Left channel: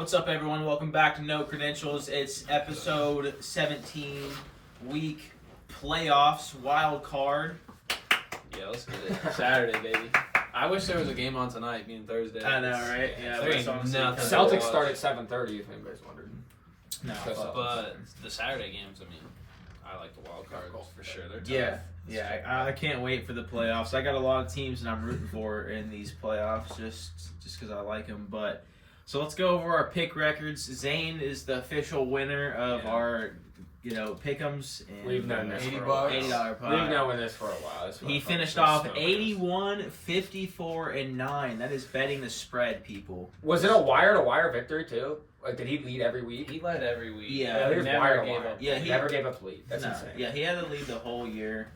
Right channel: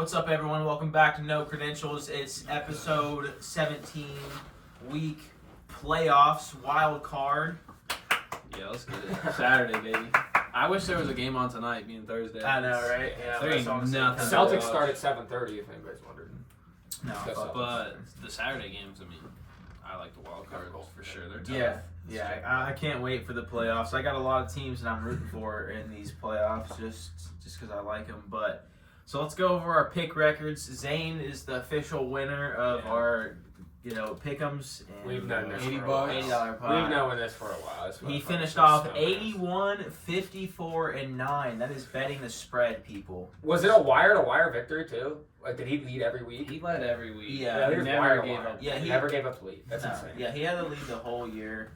What's up, everyone? Welcome back to No Credentials. It's episode 17, week playoffs, wild card. Yeah, let's get it. Saturday, baby. I wish there was a game on tonight, being Thursday. I know, right? Yeah, there ain't nothing. Celtics start at 7:30, if anybody's wondering. No, but the Saturday games, I mean, I like the wild cards for sure. They're tough. Yeah. I can't wait for the playoffs. I got a lot of teams that I'm rooting for in these playoffs, just because I like them. But so let's go over our pick records. Zane is the official winner of our, pick'ems. And We've done this for a $80 while. pot. We've known this for a while. He finished off 81, 54, and 9. That is betting the spread, people. Was it a wire-to-wire victory, too? Like, did he lead every week? He led every week. Yeah, he never gave up. Yeah, he never gave up the lead. That's insane. Yeah, he had the lead the whole year.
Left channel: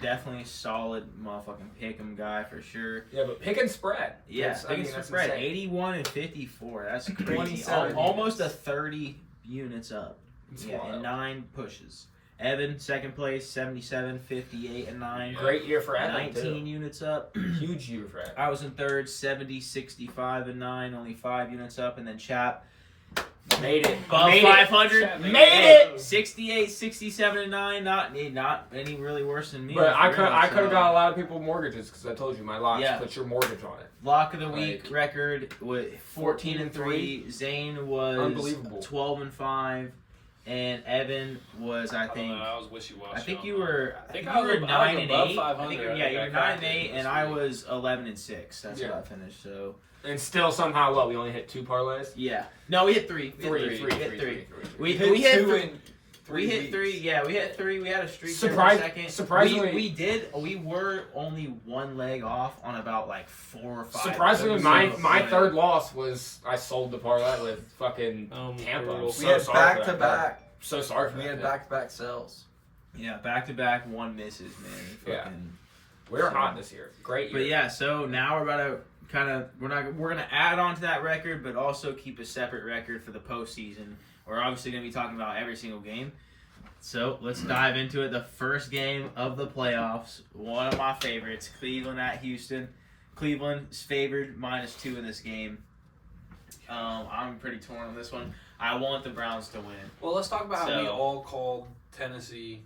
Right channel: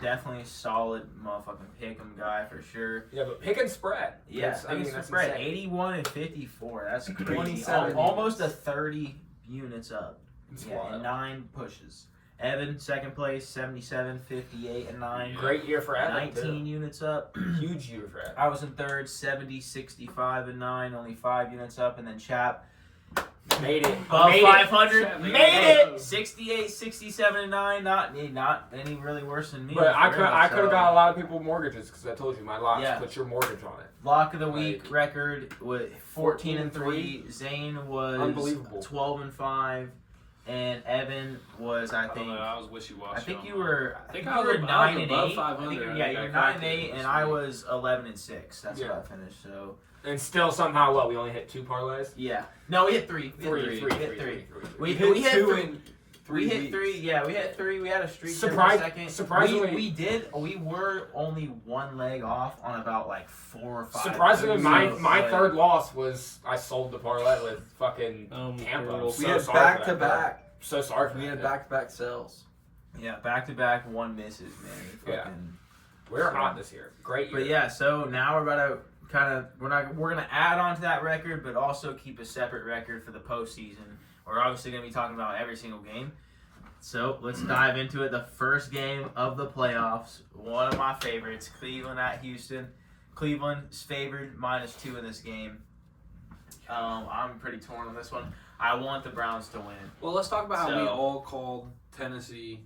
Definitely solid motherfucking pick'em guy for sure. Yeah, but pick and spread. Yeah, pick and spread. Insane. 81 and 54. That's crazy. 27 Almost a 30 units up. It's Yeah, wild. and 9 pushes. Evan, second place, 77, 58, and 9. Great year for Evan, 19 units up. too. Huge year for Evan. I was in third, 70, 65, and 9, only 5 units up. And then Chap, Made it. above Made 500, it. made it! 68, 67, and 9, not any really worse than me. But I could have so. got a lot of people mortgages because I told you my locks Yeah. put your mortgage on it. Lock of the week record with 14 and 3. Zane was Unbelievable. 12 and 5. And Evan was, I I don't think, know, I was wishy-washy. I think on you mine. were. I think you I was were above 9 and 8. 500. You were I 9 and cracked 8, it and this I week. was 11 and 6. That's Yeah. what I finished. So And still somehow, we only hit 2 parlays? yeah, no, we hit 3. We hit 3. We hit 2 3. in 3 We hit weeks. 3. Yeah, we hit 3. We had a streak for a second. Surprisingly, We were only 1 leg off on about like 4 or 5. Surprisingly, So, my like, third loss was I sold the parlay with fucking Tampa. brutal. I'm We so had sorry for that guy. back-to-back. So sorry for We that had guy. back-to-back sells. Yeah, back to back, 1 misses, man. Yeah. Fucking. We're hot this year. Great year. But yeah, so now we're about to we're gonna add on to that record, but also keep a separate record for the postseason. We're obviously gonna be talking about every single game. So let's dive into it. The first game of the playoffs, one of my favorites, Cleveland at Houston. Cleveland's favored -2 in this game. I'm pretty torn on this one. I want the Browns to win. Well, let's talk about how we So- all called Tennessee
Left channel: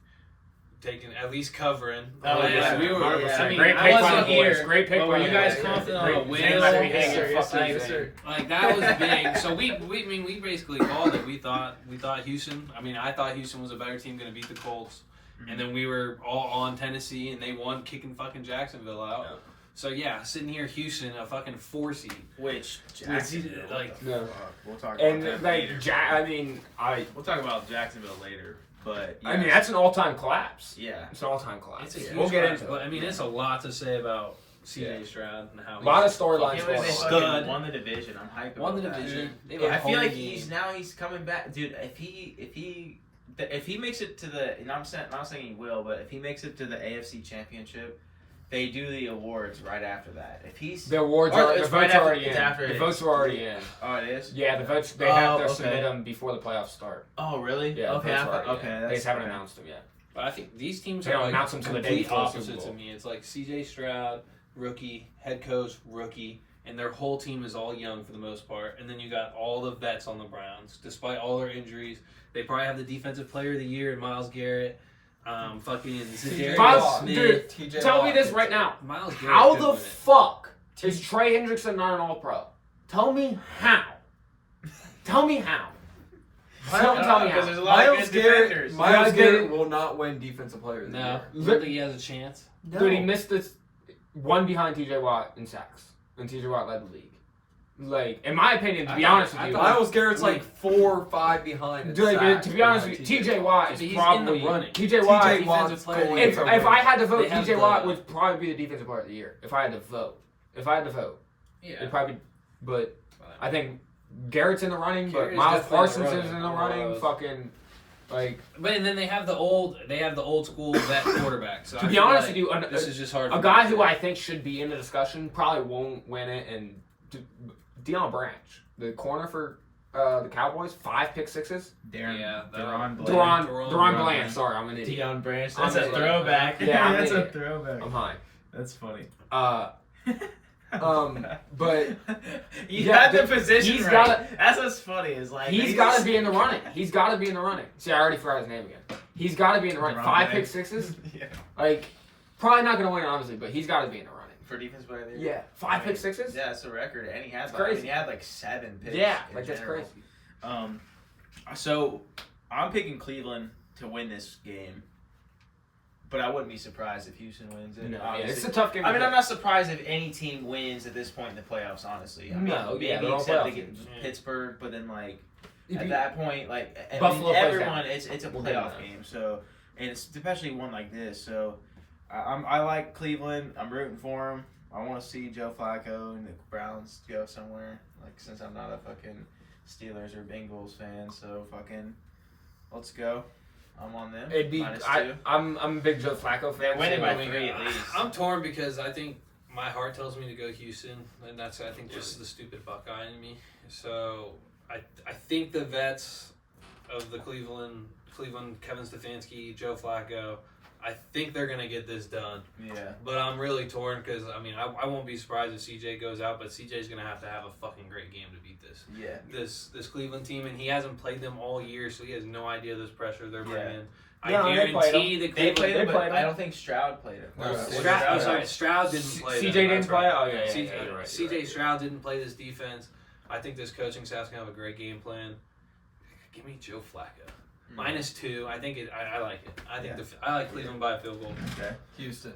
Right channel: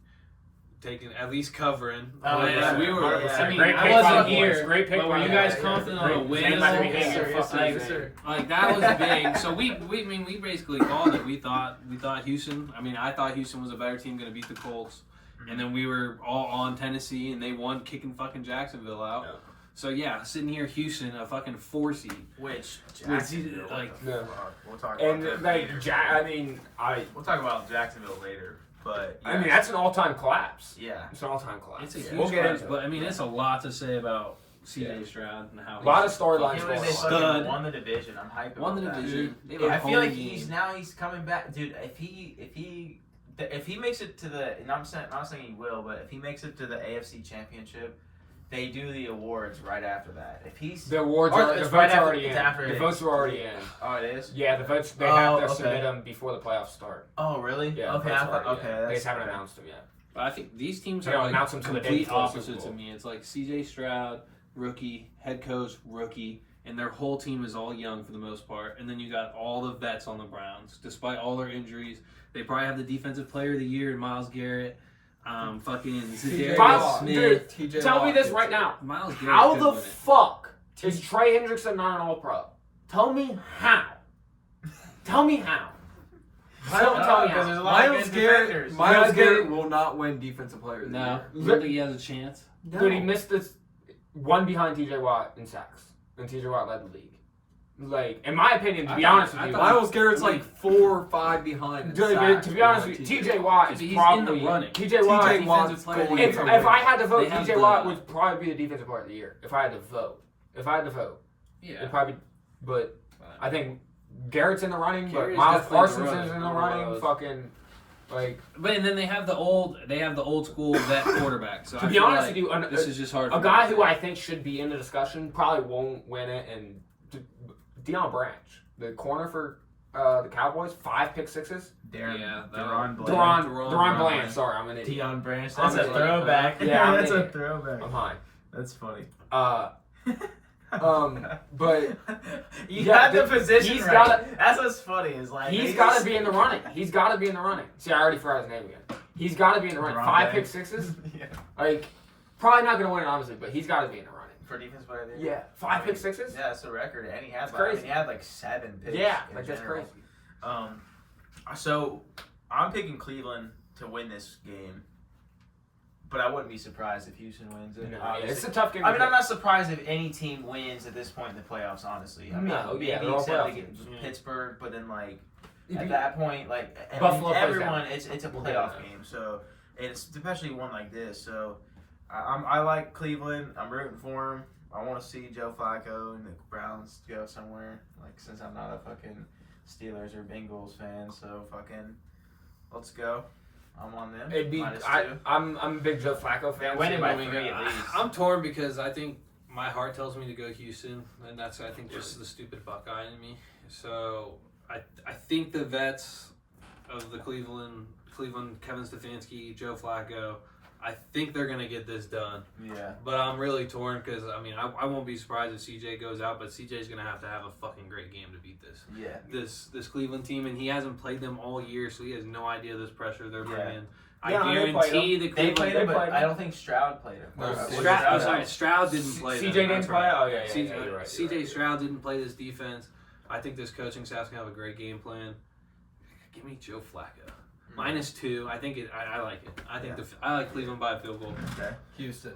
taking at least covering. Oh, yeah. we were. 100%. I mean, Great I pick by wasn't the here. boys. Great pick But were by you the guys boys. confident on a Great- win? Zane better be Yes, sir, hating yes, fucking sir. Zane. Like that was big. So we basically called it. We thought Houston. I mean, I thought Houston was a better team, going to beat the Colts, and then we were all on Tennessee, and they won, kicking fucking Jacksonville out. Yeah. So yeah, sitting here, Houston, a fucking 4 seed. Which Jacksonville, like- Yeah. we'll talk about And that like, later. We'll talk about Jacksonville later, but I mean, that's an all-time collapse. yeah. It's an all-time collapse. It's a huge We'll get collapse, into but it. I mean, it's a lot to say about C.J. Yeah. Stroud and how A lot of he's storylines Him going and they on. Stud. fucking won the division. I'm hyped. won the about that. division. They have I a feel like home game. he's coming back, dude. If he makes it to the, and I'm not saying he will, but if he makes it to the AFC Championship, they do the awards right after that. If he's The awards Or are it's the right votes after- already it's in. after The it votes is. are already in. oh it is. Yeah, the votes they Oh, have to okay. submit them before the playoffs start. Oh really? Yeah, Okay. the I votes thought, are already okay. in. That's They just haven't okay. announced them yet. But I think these teams They are don't like announce them till the day complete before the Super opposites Bowl. of me. It's like C.J. Stroud, rookie, head coach, rookie, and their whole team is all young for the most part. And then you got all the vets on the Browns, despite all their injuries. They probably have the defensive player of the year in Miles Garrett. Fucking Zadarius Miles- Smith. TJ Tell me this Watt. right now. Miles Garrett. How could the win it. fuck is Trey Hendrickson not an All-Pro? Tell me how. Tell me how. Tell me Because how. there's a lot of Miles good Garrett, defenders. Miles Garrett will not win Defensive Player of the No, Year. you don't think he has a chance? Dude, he missed this one behind TJ Watt in sacks. And TJ Watt led the league. Like, in my opinion, to be honest with you, Miles Garrett's like 4 or 5 behind. in Dude, sacks to be honest with you, TJ Watt is He's in probably the running. TJ Watt. TJ Watt's defensive player of the going year. If to I win. had to vote, They have TJ the- Watt would probably be the defensive player of the year. If I had to vote. Yeah. It'd probably, but I think Garrett's in the running, but Garrett's Miles definitely Parsons in the is in the running. running. Fucking, like, But and then they have the old school vet quarterback. So to I be feel honest like with you, this is just hard. a for guy me to who say. I think should be in the discussion probably won't win it, and Deion Branch, the corner for the Cowboys, 5 pick sixes. Yeah, Deron Bland. Deron Bland. Sorry, I'm an idiot. Deion Branch. I'm That's a an idiot. throwback. Yeah, I'm an that's a idiot. throwback. I'm high. That's funny. But you yeah, got the position he's right. gotta- That's what's funny. Is like he's got to be in the running. He's got to be in the running. See, I already forgot his name again. He's got to be in the running. Deron 5 Banks. pick sixes. Yeah. Like, probably not gonna win it honestly, but he's got to be in the running. For defense player of the year. Yeah, 5 pick sixes. Yeah, it's a record, and he had It's like, crazy. he had like 7 picks. Yeah, in like that's general. crazy. So I'm picking Cleveland to win this game, but I wouldn't be surprised if Houston wins it. No, yeah, obviously. it's a tough game. I to mean, I'm pick. not surprised if any team wins at this point in the playoffs. Honestly, I mean, No, yeah, maybe they're all except playoff against teams. Pittsburgh, but then like If at you- that point, like I mean, Buffalo plays everyone, down. it's a We'll playoff get it. game. So it's especially one like this. So I like Cleveland. I'm rooting for him. I want to see Joe Flacco and the Browns go somewhere. Like since I'm not a fucking Steelers or Bengals fan, so fucking let's go. I'm on them. It'd be. -2. I'm a big Joe Flacco fan. They're winning by so- 3 at least. I'm torn because I think my heart tells me to go Houston, and that's I think just the stupid Buckeye in me. So I think the vets of the Cleveland, Kevin Stefanski, Joe Flacco, I think they're gonna get this done. Yeah. But I'm really torn because I mean I won't be surprised if CJ goes out, but CJ's gonna have to have a fucking great game to beat Yeah. this Cleveland team, and he hasn't played them all year, so he has no idea this pressure they're Yeah. bringing. I Yeah, they played guarantee the They Cleveland. played him, they but played him. I don't think Stroud played him. No, Stroud didn't play. CJ them, didn't that's play. right. Oh yeah, CJ, you're right, CJ you're right. Stroud didn't play this defense. I think this coaching staff's gonna have a great game plan. Give me Joe Flacco. -2. I think it. I like it. I think I like Cleveland by a field goal. Okay. Houston.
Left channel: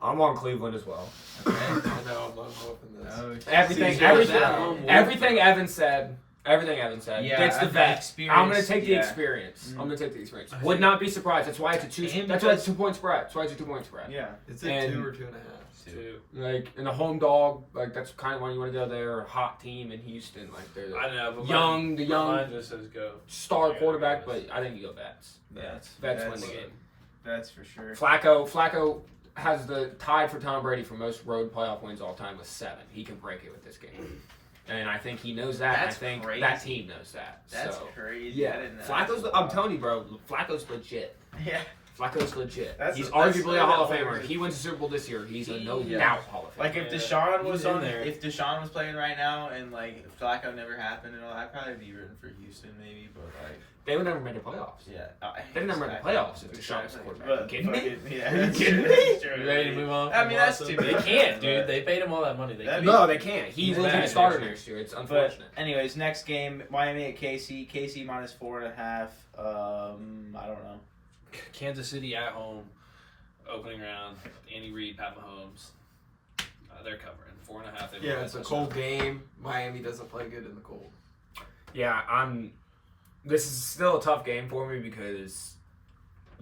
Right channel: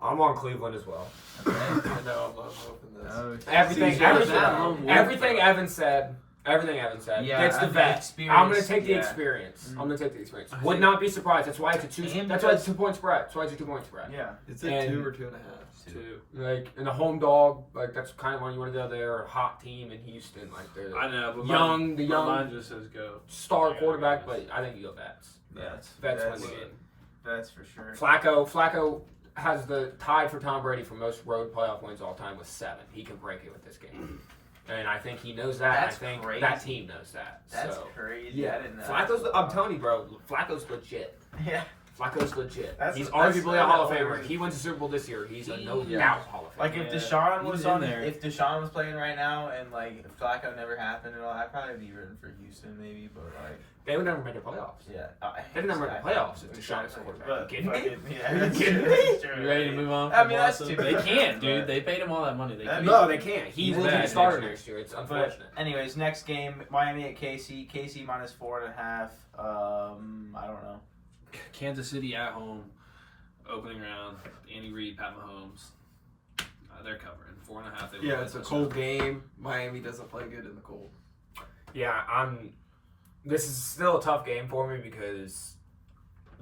I'm on Cleveland as well. Okay. I know I'm not hoping this. Oh, Everything, CJ everything, at home, everything Evan said. Everything Evan said. Yeah, It's the I think vet. experience, I'm gonna take the yeah. experience. Mhm. I'm gonna take the experience. I Would think- not be surprised. That's why it's a 2. And That's why it's because- 2 point spread. That's why it's a 2 point spread. Yeah. Is it And- 2 or 2.5? 2. Like in a home dog, like that's kind of when you want to go there. A hot team in Houston, like they're I know, but young, the my young mind just says go. star Yeah, quarterback. I But guess. I think you go Vets. That's Vets win that's, the game. that's for sure. Flacco has the tied for Tom Brady for most road playoff wins all time with 7. He can break it with this game, and I think he knows that. That's I think crazy. that team knows that. That's so. crazy. Yeah, I didn't know. Flacco's. I'm telling you, bro. Flacco's legit. Yeah. Flacco's legit. That's- He's that's arguably a Hall of the Famer. only- He wins the Super Bowl this year. He's a no Yeah. doubt Hall of Famer. Like if Yeah. Deshaun was He's in on there. if Deshaun was playing right now and like if Flacco never happened and all, I'd probably be rooting for Houston maybe, but like They would never make the playoffs. yeah, They'd never make the playoffs if Deshaun was the quarterback. But You kidding me? fucking- yeah, Are you that's kidding true, me? that's true. You ready to move on? I from mean, that's Watson? too They bad. can't, dude. But- They paid him all that money. They That'd can't. No, they can't. He He's will be bad the starter next year. next year. It's But unfortunate. anyways, next game, Miami at KC. KC -4.5. I don't know. Kansas City at home, opening round. Andy Reid, Pat Mahomes. They're covering 4.5. They Yeah, win it's a this cold game. Miami doesn't play good in the cold. Yeah, this is still a tough game for me because,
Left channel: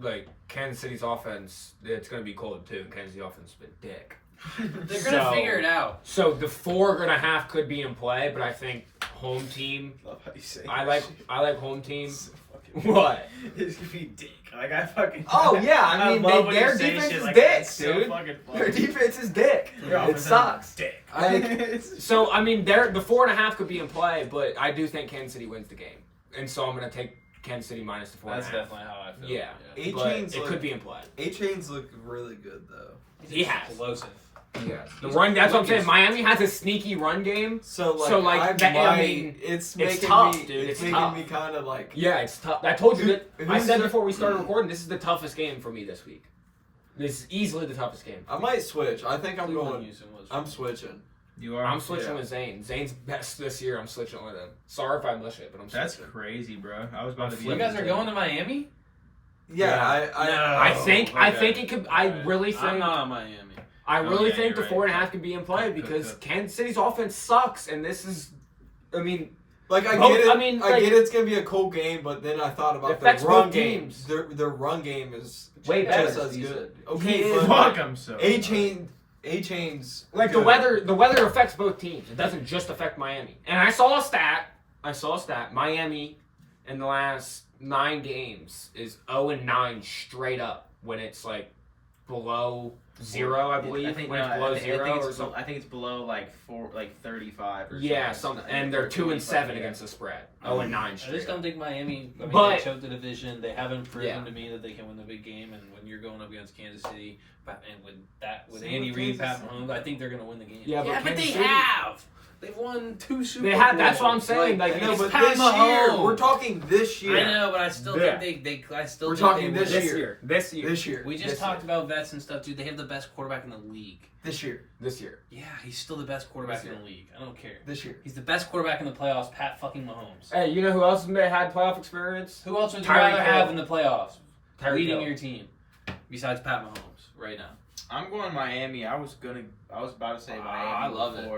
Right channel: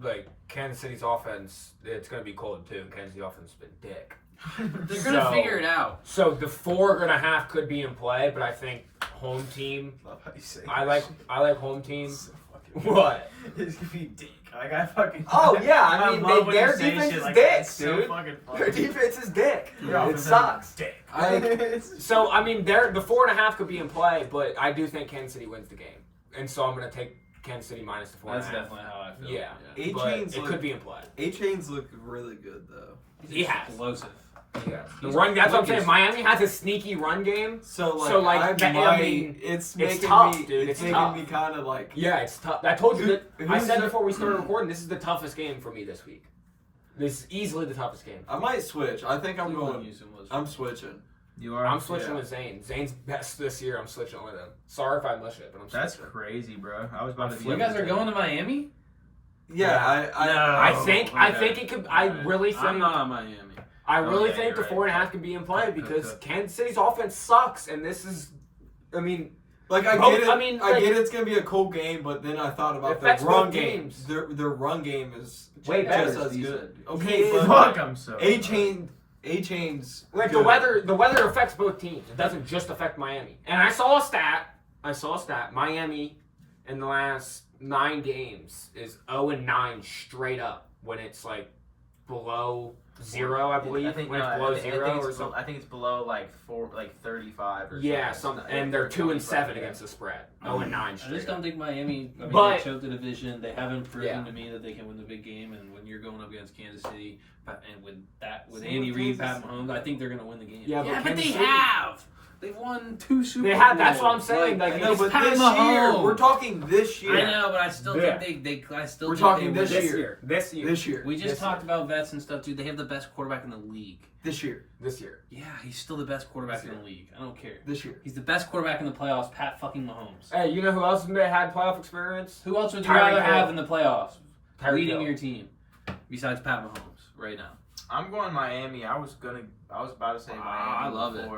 like, Kansas City's offense, it's going to be cold too. And Kansas City offense has been dick. They're gonna So- figure it out. So the 4.5 could be in play, but I think home team. Love how you say I that like shit. home team. So fucking- What? It's gonna be dick. Like I fucking. Oh yeah, I mean love when their you say defense shit is like dick, that. It's so dude. fucking funny. Their defense is dick. Your It offense sucks. is dick. Like, so I mean, the 4.5 could be in play, but I do think Kansas City wins the game, and so I'm gonna take Kansas City minus the 4.5. That's definitely how I feel. Yeah, A but chains it look- could be in play. A-Chains look really good, though. He's has. explosive. Yeah, the He's run. That's what I'm saying. wicked. Miami has a sneaky run game. So, like, I mean, it's it's making tough, me, dude. it's It's making tough. me kind of like, Yeah, it's tough. I told you that. I Who's said the- before we started recording, this is the toughest game for me this week. This is easily the toughest game. I might switch. I think I'm Cleveland going, Houston was- I'm switching. You are. I'm switching Yeah. with Zane. Zane's best this year. I'm switching with him. Sorry if I mush it, but I'm That's switching. crazy, bro. I was about to be. You guys are going to Miami? Yeah, Yeah. I think okay. it could. I really think. I'm not on Miami. I really Okay, think the you're right. 4.5 can be in play Good, because good. Kansas City's offense sucks, and this is. I mean, Like I Both- get it. I mean, I like- get it's gonna be a cool game, but then I thought about Affects the run both game. teams. Their run game is Way better. just as He good. said. Okay, He Fuck but 'em so. A-Chain's like good. the weather affects both teams. It doesn't just affect Miami. And I saw a stat. Miami in the last 9 games is 0-9 straight up when it's like below 0, I believe. I think when it's no, below I think 0 it's or something. I think it's below like 35 or Yeah, something. something. And they're 2 and 7 Yeah. against the spread. 0 and 9 I straight. just don't think Miami. I mean, But- they choked the division. They haven't proven Yeah. to me that they can win the big game. And when you're going up against Kansas City, and with Same Andy with Reid, Kansas Pat Mahomes, I think they're going to win the game. Yeah, but but Kansas they City- have. They've won 2 Super They Bowls. have. That's what I'm saying. Like, I know, it's but Pat this year, Mahomes. we're talking this year. I know, but I still Yeah. think they. I still. We're think talking they this win. year. This year. This year. We just This talked year. about vets and stuff, dude. They have the best quarterback in the league. This year. This year. Yeah, he's still the best quarterback This in the league. I don't care. This year. He's the best quarterback in the playoffs, Pat fucking Mahomes. Hey, you know who else had playoff experience? Who else would you Tyreek rather have Hill. in the playoffs? Tyreek Leading Hill. your team, besides Pat Mahomes, right now. I'm going Miami. I was about to say Miami. I love it.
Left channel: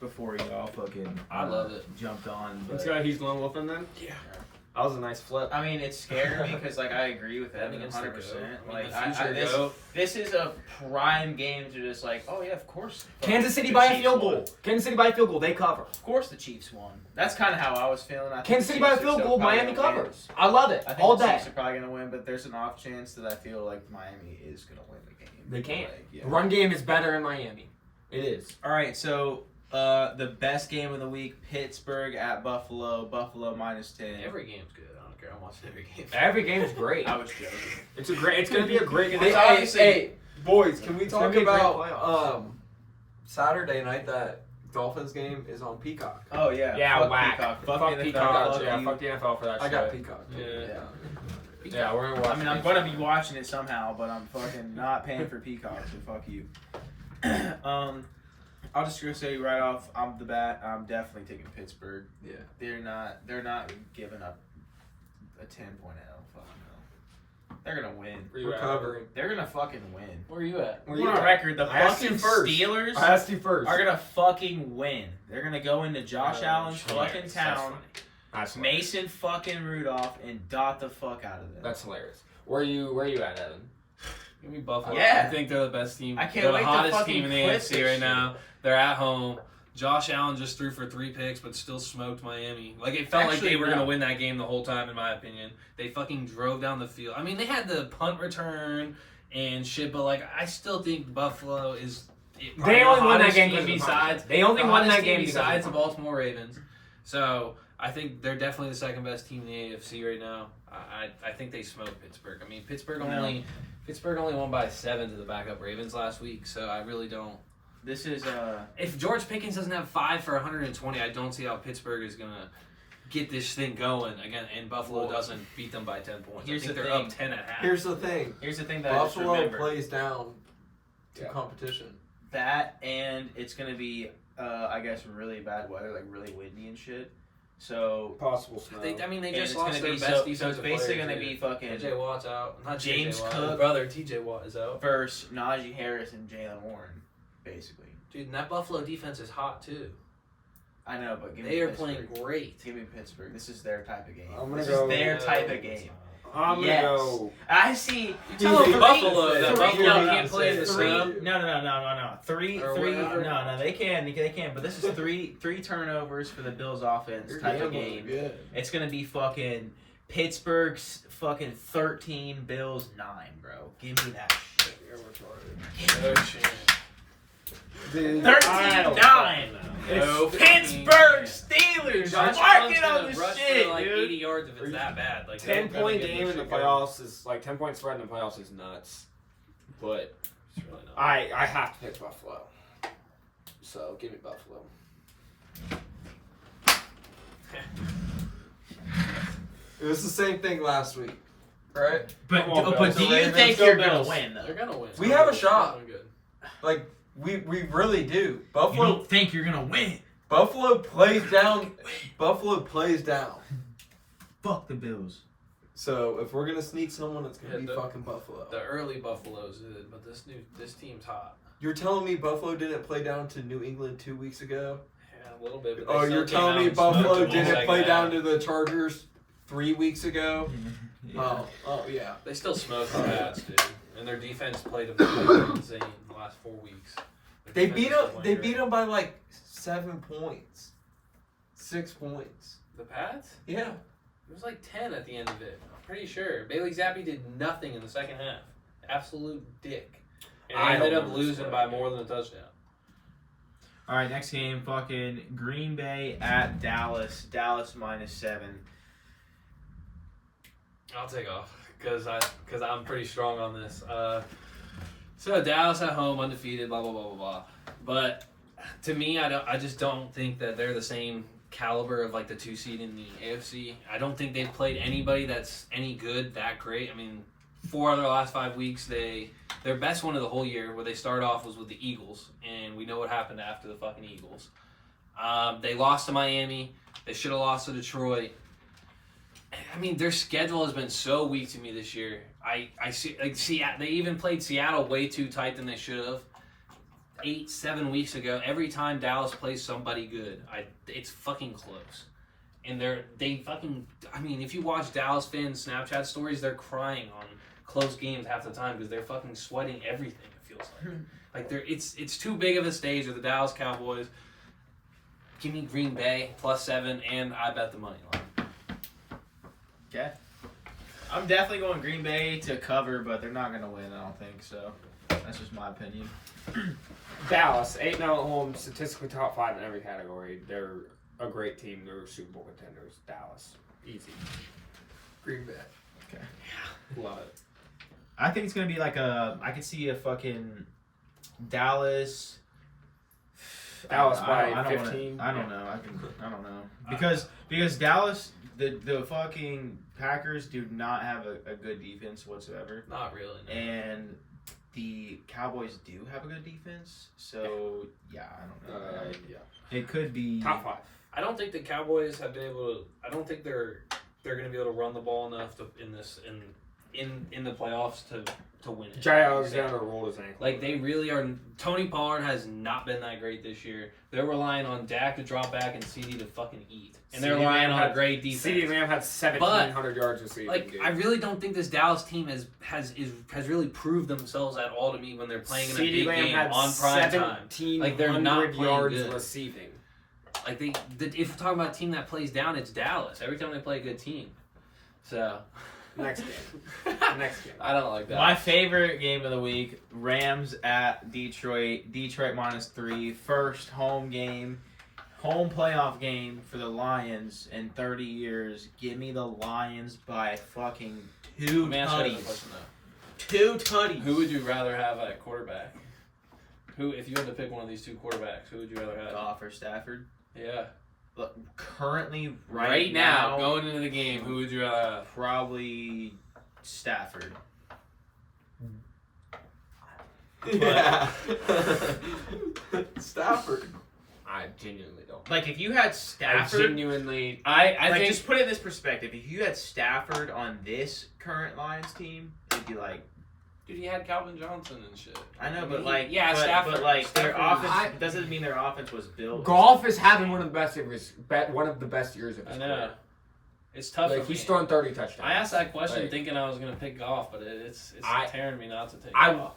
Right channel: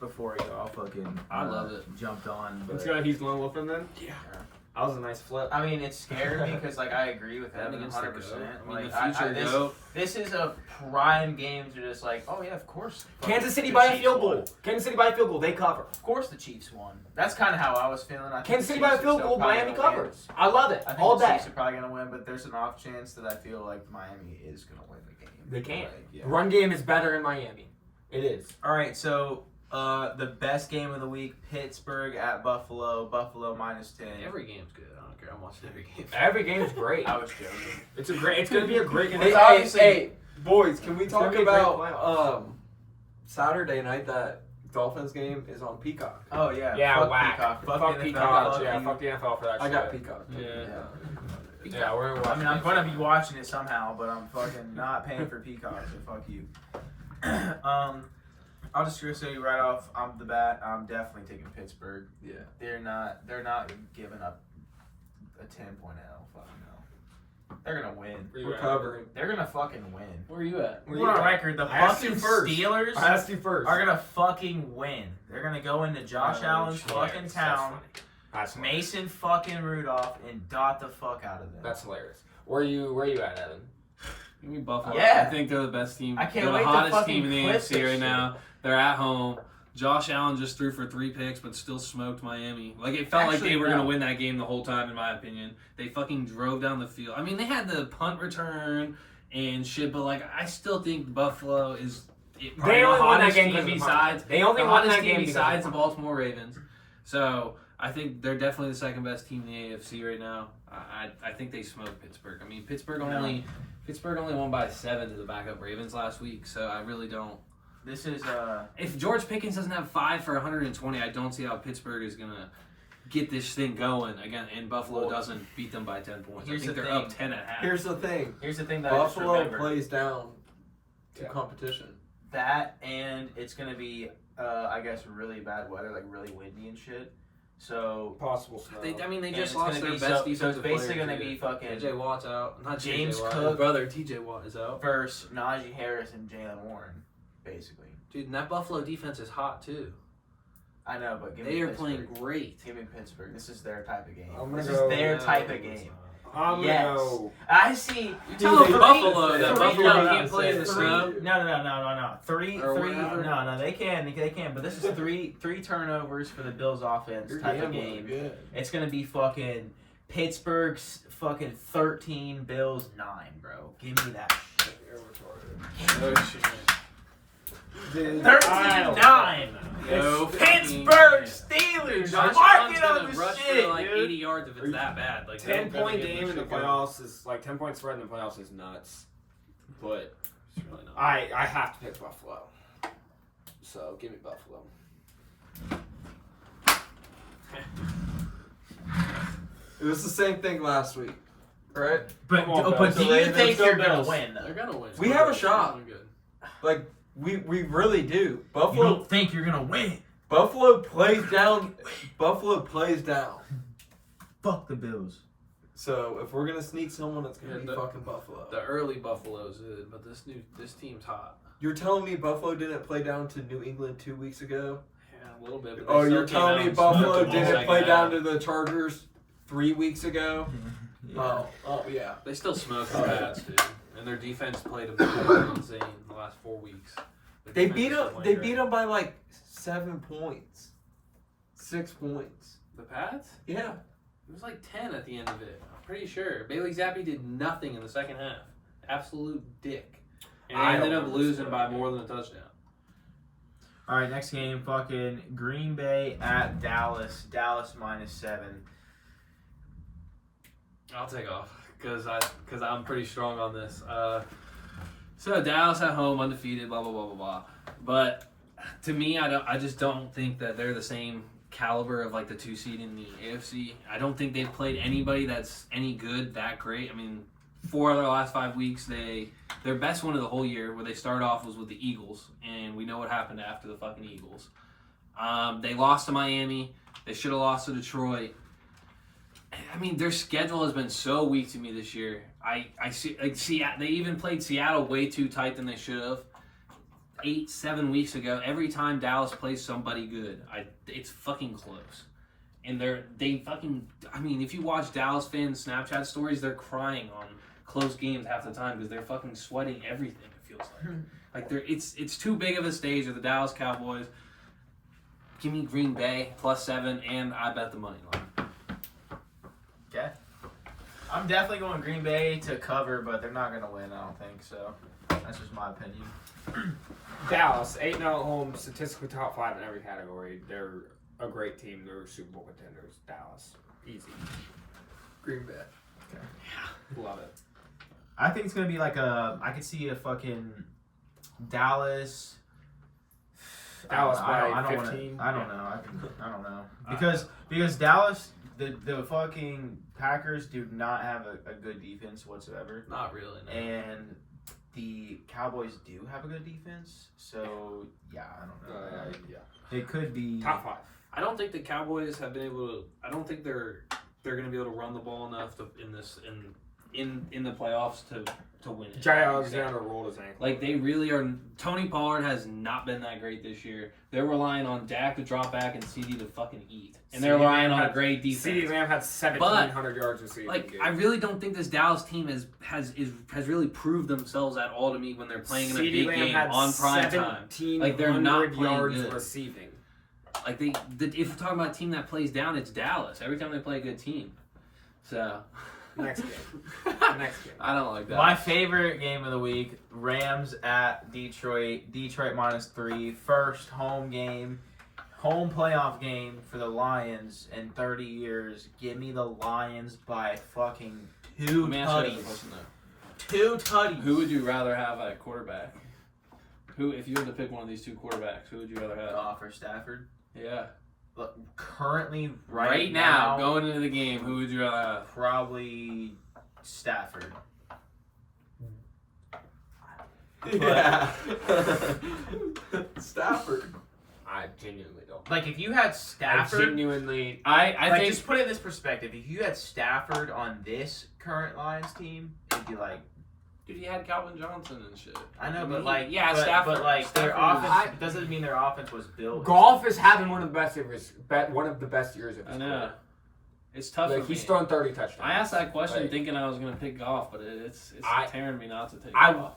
Before y'all fucking I love it. jumped on. Let's But, go. He's going with him then. Yeah. That was a nice flip. I mean, it scared me because like I agree with Evan Against the 100%. GOAT. I mean, Like the future this, GOAT. this is a prime game to just like, oh yeah, of course. Kansas City the by a Chiefs field won. goal. Kansas City by a field goal. They cover. Of course, the Chiefs won. That's kind of how I was feeling. I think Kansas the City by a Chiefs are field still goal. probably Miami gonna win. covers. I love it. I think All the day. Chiefs are probably gonna win, but there's an off chance that I feel like Miami is gonna win the game. They can. Like, yeah. The run game is better in Miami. It is. All right, so the best game of the week: Pittsburgh at Buffalo. Buffalo -10. Every game's good. I don't care. I'm watching every game. Every game's great. I was joking. It's a great. It's gonna be a great game. Hey, It's hey, obviously- hey, boys, can we It's talk gonna be a great about playoffs. Saturday night? That Dolphins game is on Peacock. Oh yeah. Yeah, fuck whack. Peacock. Fuck Fuck the Peacock. NFL. Yeah, you. fuck the NFL for that I shit. got Peacock. Yeah. Yeah, we're gonna watch. I mean, I'm gonna be watching it somehow, but I'm fucking not paying for Peacock, so fuck you. I'll just gonna say right off, I'm definitely taking Pittsburgh. Yeah. They're not giving up a 10.0. Fuck no. They're gonna win. Where you at? Recovering. They're gonna fucking win. Where are you at? Where We're you on at? record. The I asked you fucking first. Steelers I asked you first. are gonna fucking win. They're gonna go into Josh Allen's fucking That's town, funny. That's hilarious. Mason fucking Rudolph, and dot the fuck out of them. That's hilarious. Where you at, Evan? Give me Buffalo. Yeah. I think they're the best team. I can't they're wait the to hottest fucking team in the clip AFC this right shit. now. They're at home. Josh Allen just threw for 3 picks, but still smoked Miami. Like, it felt like Actually, they were going no. to win that game the whole time, in my opinion. They fucking drove down the field. I mean, they had the punt return and shit, but, like, I still think Buffalo is probably They the only won that hottest game team because of besides They only the won hottest that game team because besides the of Baltimore Ravens. So, I think they're definitely the second best team in the AFC right now. I think they smoked Pittsburgh. I mean, Pittsburgh only won by 7 to the backup Ravens last week, so I really don't. This is If George Pickens doesn't have 5 for 120, I don't see how Pittsburgh is gonna get this thing going again, and Buffalo Well, doesn't beat them by 10 points. here's I think the they're thing. up 10 and a half. Here's the thing. here's the thing that I just Buffalo remembered. plays down to Yeah. competition. That and it's gonna be I guess really bad weather, like really windy and shit. So Possible snow. They and just it's lost gonna their be best so defensive it's basically player, gonna too. be fucking TJ Watt's out. Not James JJ Watt. Cook. His brother TJ Watt is out. versus Najee Harris and Jalen Warren, basically. Dude, and that Buffalo defense is hot too. I know, but give They me are Pittsburgh. playing great. Give me Pittsburgh. This is their type of game. I'm gonna This go- is their No, type of it's game. I'm gonna Yes. go. I see. You tell them Three- Buffalo that three- Buffalo no, can't no, play in the three- snow. No. Three. Or No, whatever. they can. But this is three turnovers for the Bills offense You're type of gambling, game. Yeah. It's gonna be fucking Pittsburgh's fucking 13, Bills 9, bro. Give me that shit. Oh shit. Dude, 13-9. No Pittsburgh fucking- Steelers. Josh Mark Allen's it on gonna the rush shit, for like dude. 80 yards if it's that bad. Like 10-point they're game in the shit going. playoffs is like 10-point spread in the playoffs is nuts. But It's really not. I have to pick Buffalo. So give me Buffalo. It was the same thing last week, right? But Come on, but Bills. do you Ravens, think go you're gonna Bills. win They're though? gonna win. We have a shot. They're doing good. Like we really do. You Buffalo don't think you're gonna win? Buffalo plays down. Buffalo plays down. Fuck the Bills. So if we're gonna sneak someone, it's gonna Yeah, be the- fucking Buffalo. The early Buffalo's did, but this team's hot. You're telling me Buffalo didn't play down to New England 2 weeks ago? Yeah, a little bit. But they Oh, still you're came telling out me and smoked Buffalo them all didn't second play half. down to the Chargers 3 weeks ago? Yeah. Oh yeah. They still smoked the Pats, dude. And their defense played them insane the last 4 weeks. Their They defense beat is them. playing They great. beat them by like 7 points, 6 points. The Pats? Yeah. It was like 10 at the end of it. I'm pretty sure. Bailey Zappi did nothing in the second half. Absolute dick. And they I ended don't up know the losing score. by more than a touchdown. All right, next game, fucking Green Bay at Dallas. Dallas -7. I'll take off because I'm pretty strong on this. So Dallas at home, undefeated, blah blah blah blah blah. But to me, I just don't think that they're the same caliber of like the 2 seed in the AFC. I don't think they've played anybody that's any good, that great. I mean, 4 of their last 5 weeks, their best one of the whole year, where they started off, was with the Eagles, and we know what happened after the fucking Eagles. They lost to Miami. They should have lost to Detroit. I mean, their schedule has been so weak to me this year. I see, like, they even played Seattle way too tight than they should have. 8-7 weeks ago, every time Dallas plays somebody good, it's fucking close. And they fucking, I mean, if you watch Dallas fans' Snapchat stories, they're crying on close games half the time because they're fucking sweating everything, it feels like. It's too big of a stage with the Dallas Cowboys. Give me Green Bay +7, and I bet the money line. Okay. I'm definitely going Green Bay to cover, but they're not going to win, I don't think. So that's just my opinion. Dallas, 8-0 at home, statistically top 5 in every category. They're a great team. They're Super Bowl contenders. Dallas, easy. Green Bay. Love it. I think it's going to be like I could see a fucking Dallas. Dallas by I don't 15? Wanna, I don't know. I don't know. Because Dallas, the fucking Packers do not have a good defense whatsoever. Not really, no. And the Cowboys do have a good defense. So, yeah, I don't know. Yeah. It could be Top 5. I don't think the Cowboys have been able to. I don't think they're going to be able to run the ball enough in the playoffs to win it. Jay Alexander rolled his ankle. Like, they really are. Tony Pollard has not been that great this year. They're relying on Dak to drop back and CD to fucking eat, and they're CeeDee relying Lamb on a had- great defense. CeeDee Lamb had 1,700 yards receiving. Like, dude. I really don't think this Dallas team has really proved themselves at all to me when they're playing in a CeeDee big Lamb game had on prime time. 1,700 Like, they're not playing yards good. receiving. Like, if we're talking about a team that plays down, it's Dallas. Every time they play a good team. So, Next game. Next game. I don't like that. my favorite game of the week, Rams at Detroit. Detroit -3. First home playoff game for the Lions in 30 years. Give me the Lions by fucking 2 Let me ask you another tutties. question, though. 2 tutties. Who would you rather have at quarterback? If you had to pick one of these 2 quarterbacks, who would you rather have? Goff or Stafford? Yeah. Look, currently, Right now, going into the game, who would you rather have? probably Stafford. Yeah. Stafford. I genuinely don't. Like, if you had I Stafford, genuinely. I like, think just put it in this perspective. If you had Stafford on this current Lions team, it'd be like, dude, he had Calvin Johnson and shit. I know, mean, but like, yeah, Stafford. but like, their Stafford was- offense doesn't mean their offense was built. Golf is having one of the best years of I his know. career. It's tough. Like, for he's me. thrown 30 touchdowns. I asked that question Like, thinking I was gonna pick golf, but it's I- tearing me not to take I, golf.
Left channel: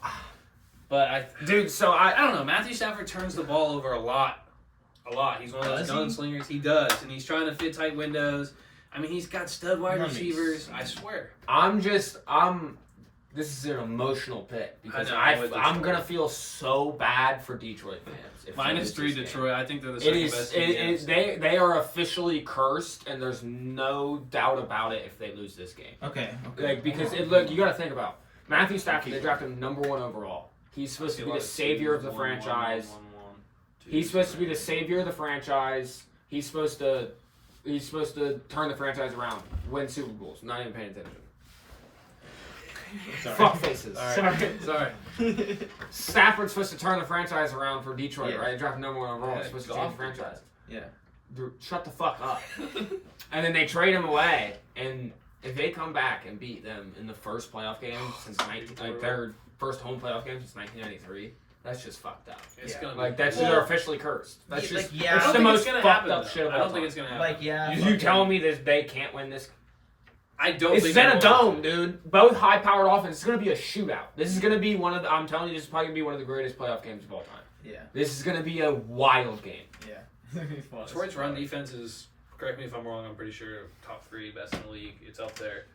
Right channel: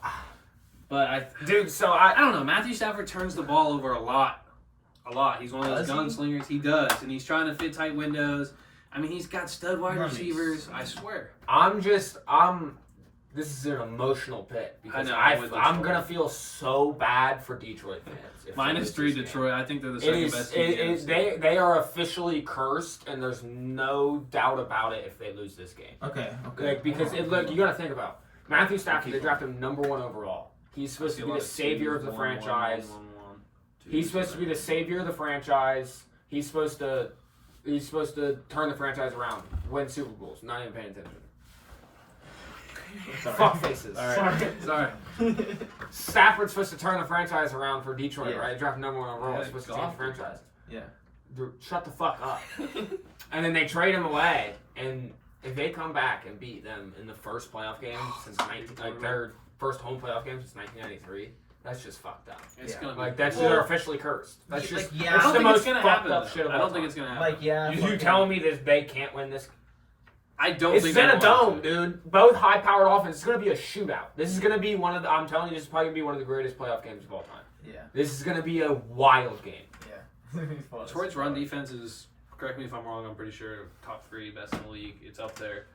But dude. So I don't know. Matthew Stafford turns the ball over a lot. He's one of those Does he? gunslingers. He does, and he's trying to fit tight windows. I mean, he's got stud wide Let me receivers. see. I swear. This is an emotional pick because I know, with I'm Detroit. gonna feel so bad for Detroit fans. if they lose -3 this game. Detroit. I think they're the It second is. best team. in the NFC. They are officially cursed, and there's no doubt about it if they lose this game. Okay. Like because look, you got to think about Matthew Stafford. They drafted him #1 overall. He's supposed to be the savior of the franchise. He's supposed to be the savior of the franchise. He's supposed to turn the franchise around, win Super Bowls. Not even paying attention. Sorry. Fuck faces. Sorry. Stafford's supposed to turn the franchise around for Detroit, Yeah. right? Drafted #1 overall. Yeah, He's supposed to golf change the franchise. Yeah. Dude, shut the fuck up. And then they trade him away, and if they come back and beat them in the first playoff game since their first home playoff game since 1993, that's just fucked up. It's Yeah. gonna be Like that's Well, they're officially cursed. That's yeah, just like, yeah, I that's don't the think most it's gonna fucked happen. up though. shit of I all don't think time. it's gonna happen. Like, yeah. You fucking- telling me that they can't win this? I don't It's think in they a want dome, to. dude. Both high-powered offenses. It's gonna be a shootout. This is gonna be one of the. I'm telling you, this is probably gonna be one of the greatest playoff games of all time. Yeah. This is gonna be a wild game. Yeah. Detroit's run defense is, correct me if I'm wrong, I'm pretty sure top 3 best in the league. It's up there.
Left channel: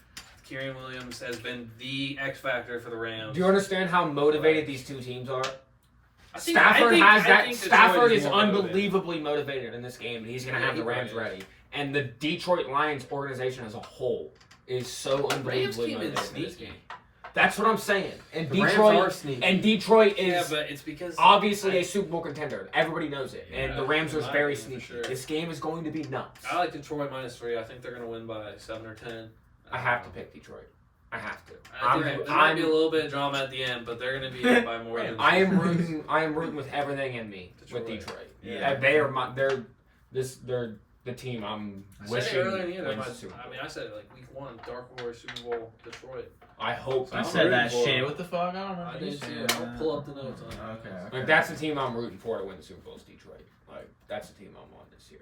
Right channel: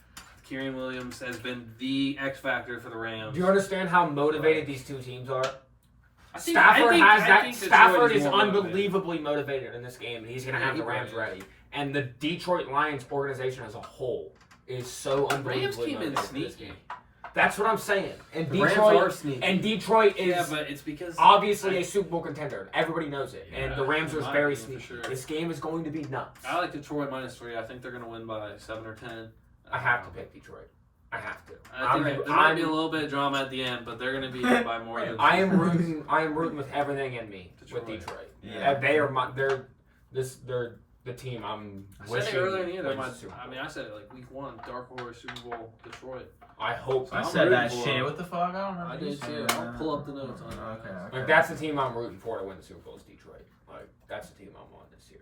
Kyren Williams has been the X factor for the Rams. Do you understand how motivated these two teams are? I think Stafford is more motivated. unbelievably motivated in this game, and he's going to have the Rams ready. And the Detroit Lions organization as a whole is so Rams unbelievably came in motivated in this sneaky. game. That's what I'm saying. And The Rams are Detroit sneaky. and Detroit is Yeah, but it's because obviously a Super Bowl contender. Everybody knows it. And the Yeah, Rams are in my very opinion, sneaky. for sure. This game is going to be nuts. I like Detroit -3. I think they're going to win by 7 or 10. I have to pick Detroit. I have to. I think there might be a little bit of drama at the end, but they're going to be up by more than. I am rooting with everything in me with Detroit. Yeah. They are they're the team I'm I said wishing it earlier in the year. wins the Super Bowl. I mean, I said it like week 1, dark horse Super Bowl, Detroit. I hope. I I'm said that rooting for shit. him. What the fuck? I don't remember. I you did saying too. I'll that. pull up the notes on it. Okay. Like that's the team I'm rooting for to win the Super Bowl is Detroit. Like that's the team I'm on this year.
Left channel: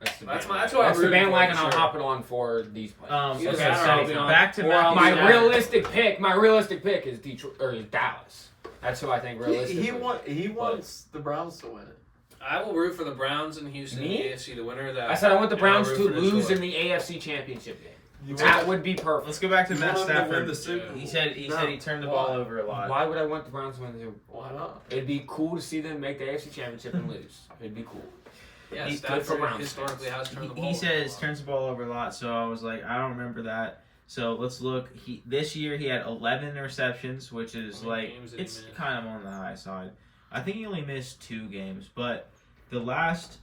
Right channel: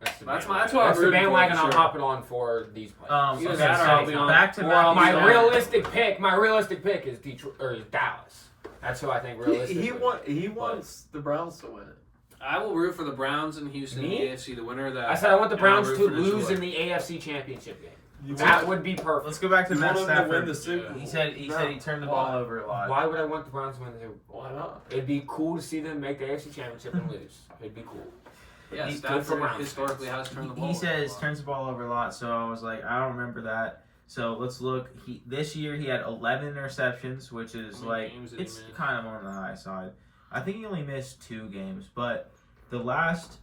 That's That's bandwagon. what I'm That's the rooting for, bandwagon for I'm sure. hopping on for these players. You Okay, guys so are all on- back to we're all Matthew on- My Stafford. realistic pick is Detroit or is Dallas. That's who I think realistically. He wants the Browns to win it. I will root for the Browns and Houston in Me? the AFC, the winner of that. I said I want the And I'll Browns root to for lose Detroit. in the AFC Championship game. You That want, would be perfect. Let's go back to you Matt want him to win Stafford. the Super Bowl. He said he turned the ball over a lot. Why would I want the Browns to win the Super Bowl? Why not? It'd be cool to see them make the AFC Championship and lose. It'd be cool. Yeah, He's good for Stafford Browns historically fans. has turned the ball He over says a lot. turns the ball over a lot, so I was like, I don't remember that. So let's look. This year he had 11 interceptions, which is How many like games did he it's miss? kind of on the high side. I think he only missed 2 games, but the last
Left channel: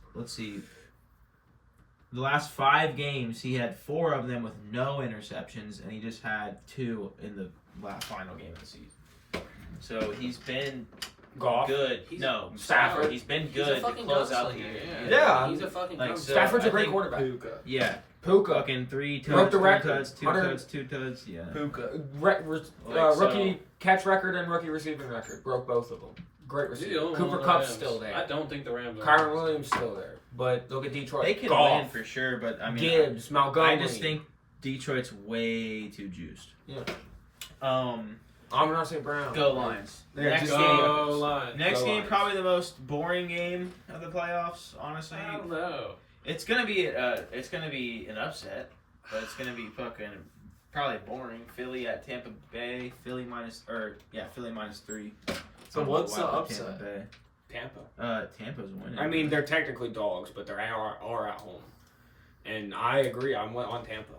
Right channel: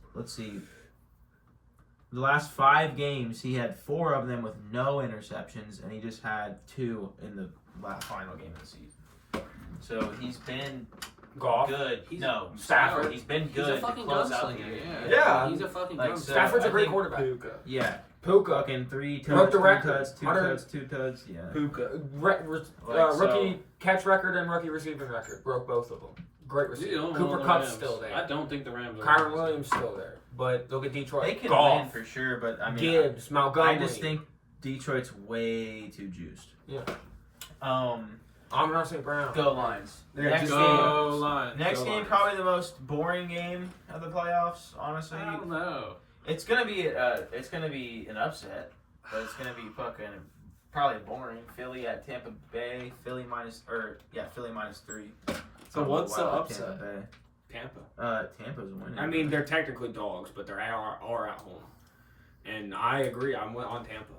5 games he had 4 of them with no interceptions, and he just had 2 in the final game of the season. So he's been Goff. good. Stafford. Stafford. He's been He's good a to fucking close out the gunslinger. year. Yeah. He's a fucking Like, gunslinger. so- Stafford's a I great think- quarterback. Puka. Yeah, Puka. fucking 3 Broke touchdowns, the 3 record. touchdowns, 2 100 touchdowns, 2 touchdowns. Yeah. Puka. Rookie catch record and rookie receiving record. Broke both of them. Great He's the receiver. only one Cooper on the Kupp's Rams. still there. I don't think the Rams are. Kyron Williams still there. But look at Detroit. They can Goff, win for sure, but I mean, Gibbs, Montgomery. I just think Detroit's way too juiced. Yeah. Amon-Ra St. Brown. Go Lions. Yeah, Next just game. Go Lions. Next Go game, Lions. probably the most boring game of the playoffs. Honestly, I don't know. it's gonna be an upset, but it's gonna be fucking probably boring. Philly at Tampa Bay. Philly minus 3. So what's the Tampa upset? Bay. Tampa. Tampa's winning. I mean, they're technically dogs, but they're are at home. And I agree. I'm on Tampa.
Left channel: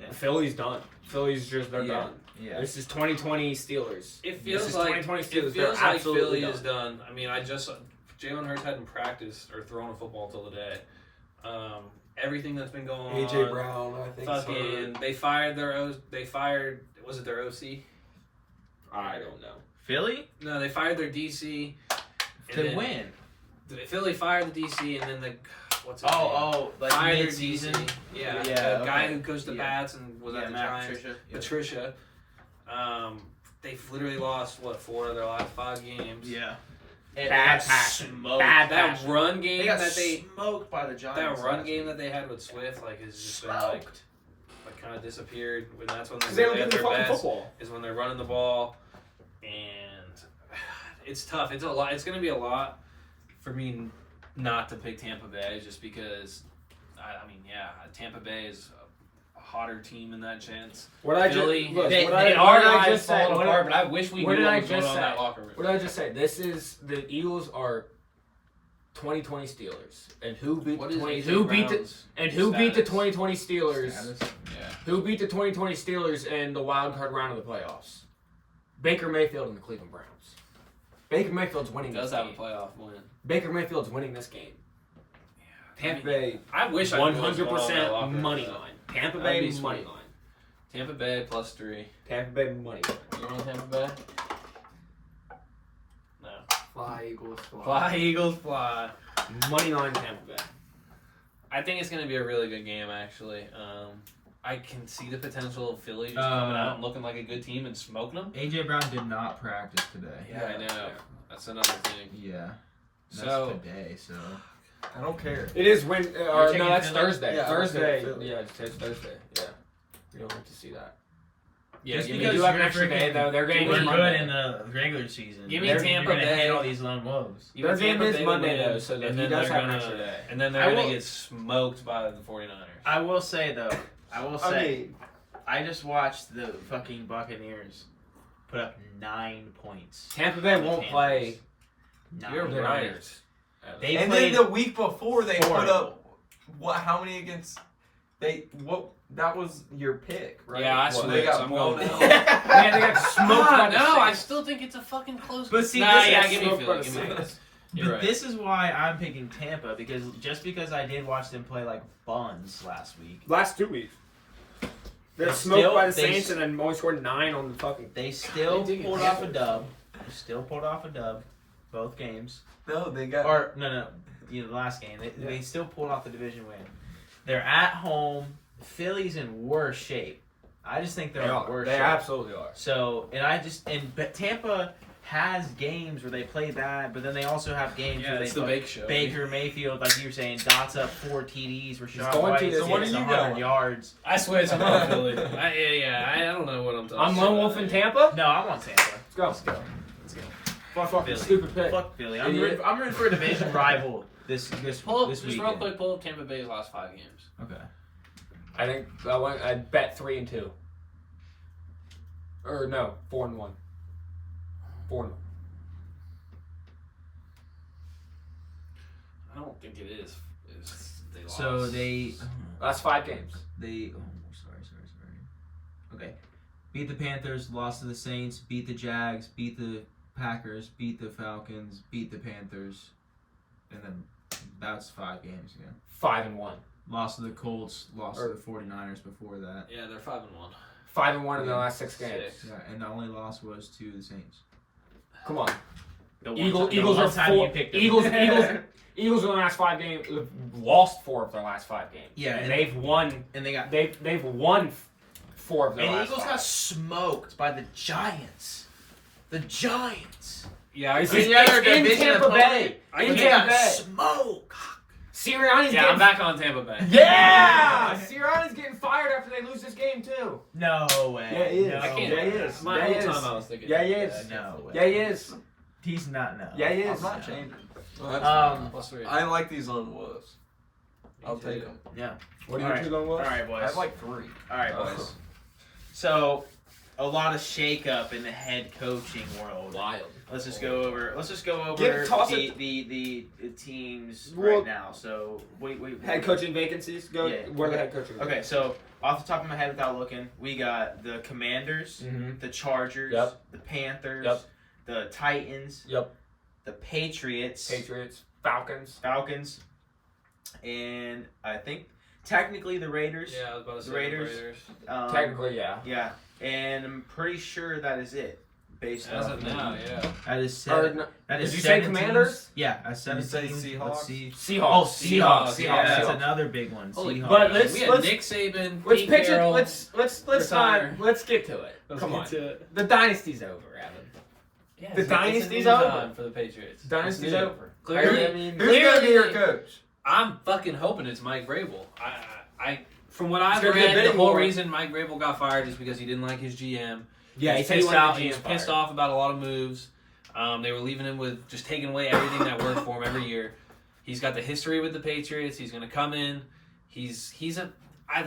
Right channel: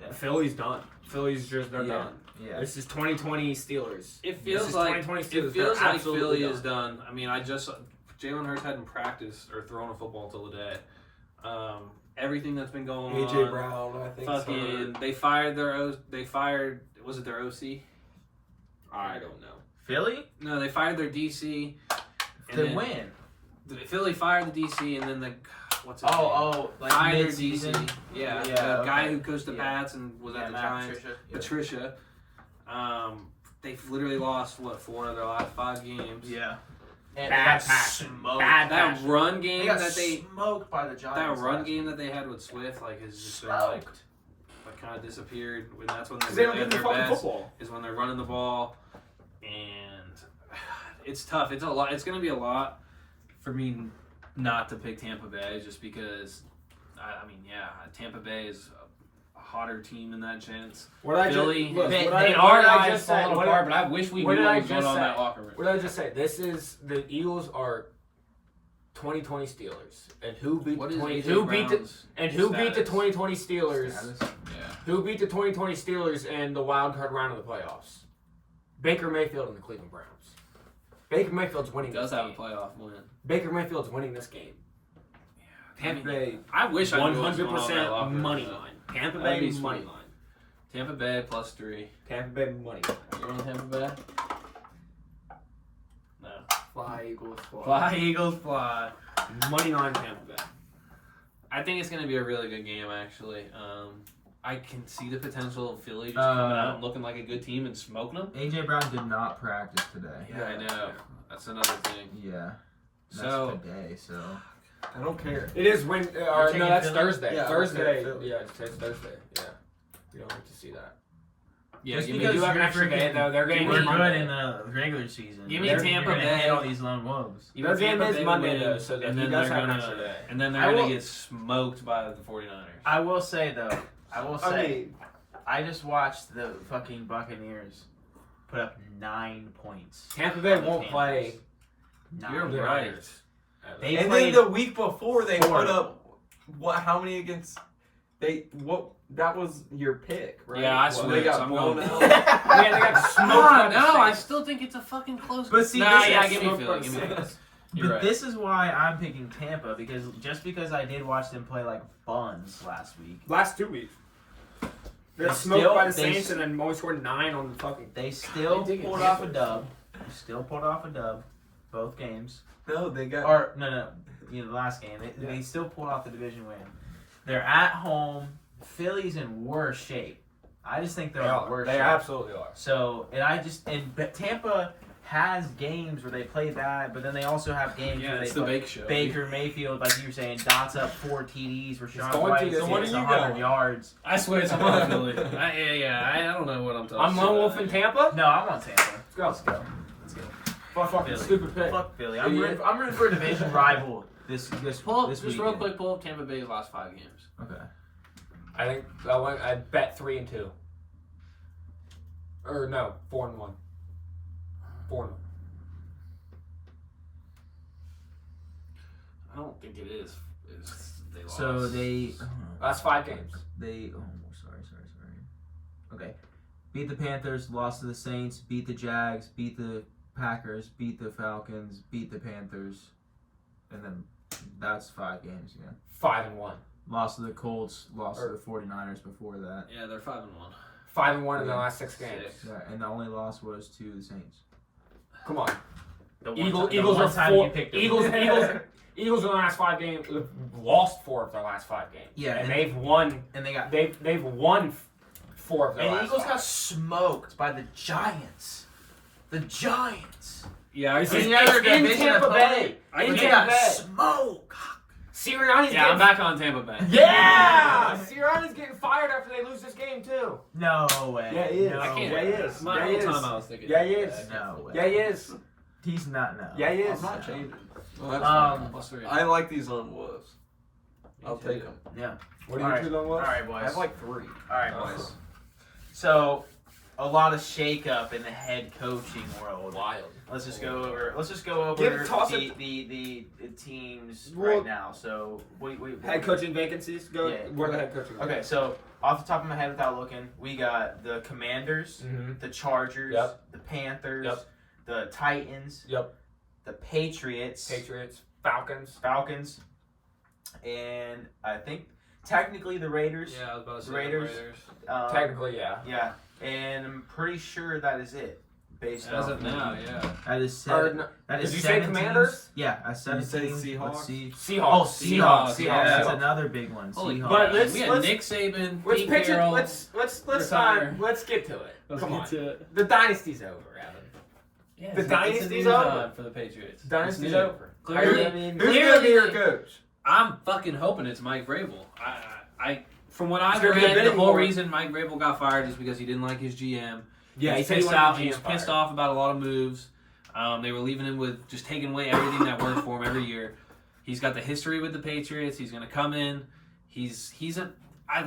Yeah. Philly's done. Philly's just they're Yeah. done. yeah. This is 2020 Steelers. It This feels is like 2020 Steelers. it feels They're like absolutely Philly is done. I mean, Jalen Hurts hadn't practiced or thrown a football till today. Everything that's been going on. AJ Brown, I think. Fucking, they fired. Was it their OC? I don't know. Philly No, they fired their DC. and to then- win. Philly fired the DC, and then what's his name? Like Fired their mid-season. DC. Yeah, Yeah, the guy okay. who coached the Yeah. Pats and was at the Matt Giants. Patricia. Patricia. They've literally lost 4 of their last 5 games. Yeah. And Bad they got passion. smoked. Bad That passion. run They game got that they smoked by the Giants. that run last game week. that they had with Swift has just been like Smoked. kind of disappeared. And that's when Because they they don't really give at a their fucking best. football. Is when they're running the ball, and it's tough. It's a lot. It's going to be a lot for me not to pick Tampa Bay, just because. I mean, Tampa Bay is a hotter team in that sense. What I Philly, just, look, they what I are I guys just said, falling what apart, but I wish we what knew did what I was going just on in say? that locker room. What did I just say? This is the Eagles are 2020 Steelers, and who beat What the is 20, AJ who beat the Brown's and who beat the status? 2020 Steelers? Status. Yeah. Who beat the 2020 Steelers in the wild card round of the playoffs? Baker Mayfield and the Cleveland Browns. Baker Mayfield's winning He does this have a game. playoff win. Baker Mayfield's winning this game. Tampa Bay, I wish I knew what was going on in that 100% locker room, money though. line. Tampa That'd Bay be money sweet. line. Tampa Bay +3. Tampa Bay money line. You on Tampa Bay? No. Fly Eagles. Fly Eagles fly. Money line Tampa Bay. I think it's going to be a really good game, actually. I can see the potential of Philly just coming out and looking like a good team and smoking them. AJ Brown did not practice today. Yeah, I know. That's another thing. Yeah. That's So, today, so. I don't care. It is when. You're taking no, that's Philly? Thursday. Yeah, Thursday. Philly. Yeah, it's Thursday. Yeah. You don't like to see that. yeah, Just give They me, because do have an you're extra day, freaking- though. Their game We're is good Monday. in the regular season. Give me You're Tampa gonna Bay. hit all these lone wolves. give me Their game Tampa is Bay Monday, win, though, so and he then does they're have an gonna extra day. and then I they're gonna will- get smoked by the 49ers. I will say though. I mean, I just watched the fucking Buccaneers put up 9 points. Tampa Bay on the won't play. You're Nine right. points. They And played then the week before they four. put up what? How many against? That was your pick, right? Yeah, I Well, switched. they got I'm blown going- out. Man, they got smoked No, on the I Saints. still think it's a fucking close. But see, nah, this yeah, is give me smoked Philly. by Give the me Philly. Saints. You're right. This is why I'm picking Tampa because I did watch them play like buns last week. Last 2 weeks. They got They smoked still- by the they Saints s- and then only scored 9 on the fucking. They still They did get pulled off a hammered. dub. They still pulled off a dub, both games. No, they got. Or no, the last game. They still pulled off the division win. They're at home. Philly's in worse shape. I just think they're in worse They shape. absolutely are. So but Tampa has games where they play bad, but then they also have games Yeah, where it's they the play Bake Show. Baker Mayfield, like you were saying, dots up 4 TDs. Rashawn going White to this hits game. What do you 100 got? yards. I swear it's on Philly. I don't know what I'm talking I'm about. Lone Wolf in Tampa. No, I'm on Tampa. Let's go. Let's go. Fucking Philly. stupid pick. Fuck Philly. Idiot. I'm rooting for a division rival this Pull up, this just weekend. real quick, pull up Tampa Bay's last 5 games. Okay. I think I bet 3-2. Or no, 4-1. 4-1. I don't think it is. They lost. So they Last 5 games. sorry. Okay. Beat the Panthers, lost to the Saints, beat the Jags, beat the Packers, beat the Falcons, beat the Panthers, and then that's 5 games, yeah. 5-1. Lost to the Colts, lost to the 49ers before that. Yeah, they're 5-1. 5-1 in the last 6 games. Six. Yeah, and the only loss was to the Saints. Come on. The Eagles one are time 4. you picked them. Eagles in the last 5 games lost 4 of their last 5 games. Yeah, and and- they've won. and they got They've won 4 of their and the last Eagles 5. got smoked by the Giants. The Giants. Yeah, I It's Any see. other in division Tampa opponent? Bay. I In They can Tampa got Bay. smoked. Sirianni's Yeah, getting I'm back on Tampa Bay. Yeah! Sirianni's getting fired after they lose this game too. No way. Yeah, he is. No I can't. Yeah, he is. My Yeah, whole he is. time I was thinking. Yeah, he is. I can't No flip way. it. Yeah, he is. He's not no. Yeah, he I'm is. not No. changing. Well, that's Um, Plus 3. fine. I like these on Wolves. I'll Me take too. them. Yeah. What All right. two All right, boys. I have like 3. All right, Oh. boys. So, a lot of shakeup in the head coaching world. Wild. Let's just go over. Toss the teams Well- right now. So wait. Head coaching vacancies go. Yeah. Where the head coaching? Okay, so off the top of my head, without looking, we got the Commanders, Mm-hmm. the Chargers, Yep. the Panthers, Yep. the Titans, Yep. the Patriots, Patriots, Falcons. Falcons, and I think technically the Raiders. Yeah, I was about to say The Raiders. Technically, yeah. Yeah, and I'm pretty sure that is it. Based As on of now, yeah. that is Or, seven. no, That is did you say 17. Commanders? Yeah, I said Did you say Let's Seahawks? see. Seahawks. Oh, Seahawks. Yeah, Seahawks. that's another big one. Holy Seahawks. But let's- we had let's- Nick Saban, Let's Pete pitch Carroll. it. Let's retire. let's get to it. Come on. to it. The dynasty's over, Evan. Yeah, The it's dynasty's new over. time for the Patriots. Dynasty's It's new. over. Clearly, I mean, Who's going to be your Clearly- coach? I'm fucking hoping it's Mike Vrabel. I from what I've gonna be a read, the bidding whole war. reason Mike Vrabel got fired is because he didn't like his GM. yeah, He's said he pissed wanted out. the He's GM pissed fired. off about a lot of moves. They were leaving him with just taking away everything that worked for him every year. He's got the history with the Patriots. He's going to come in. I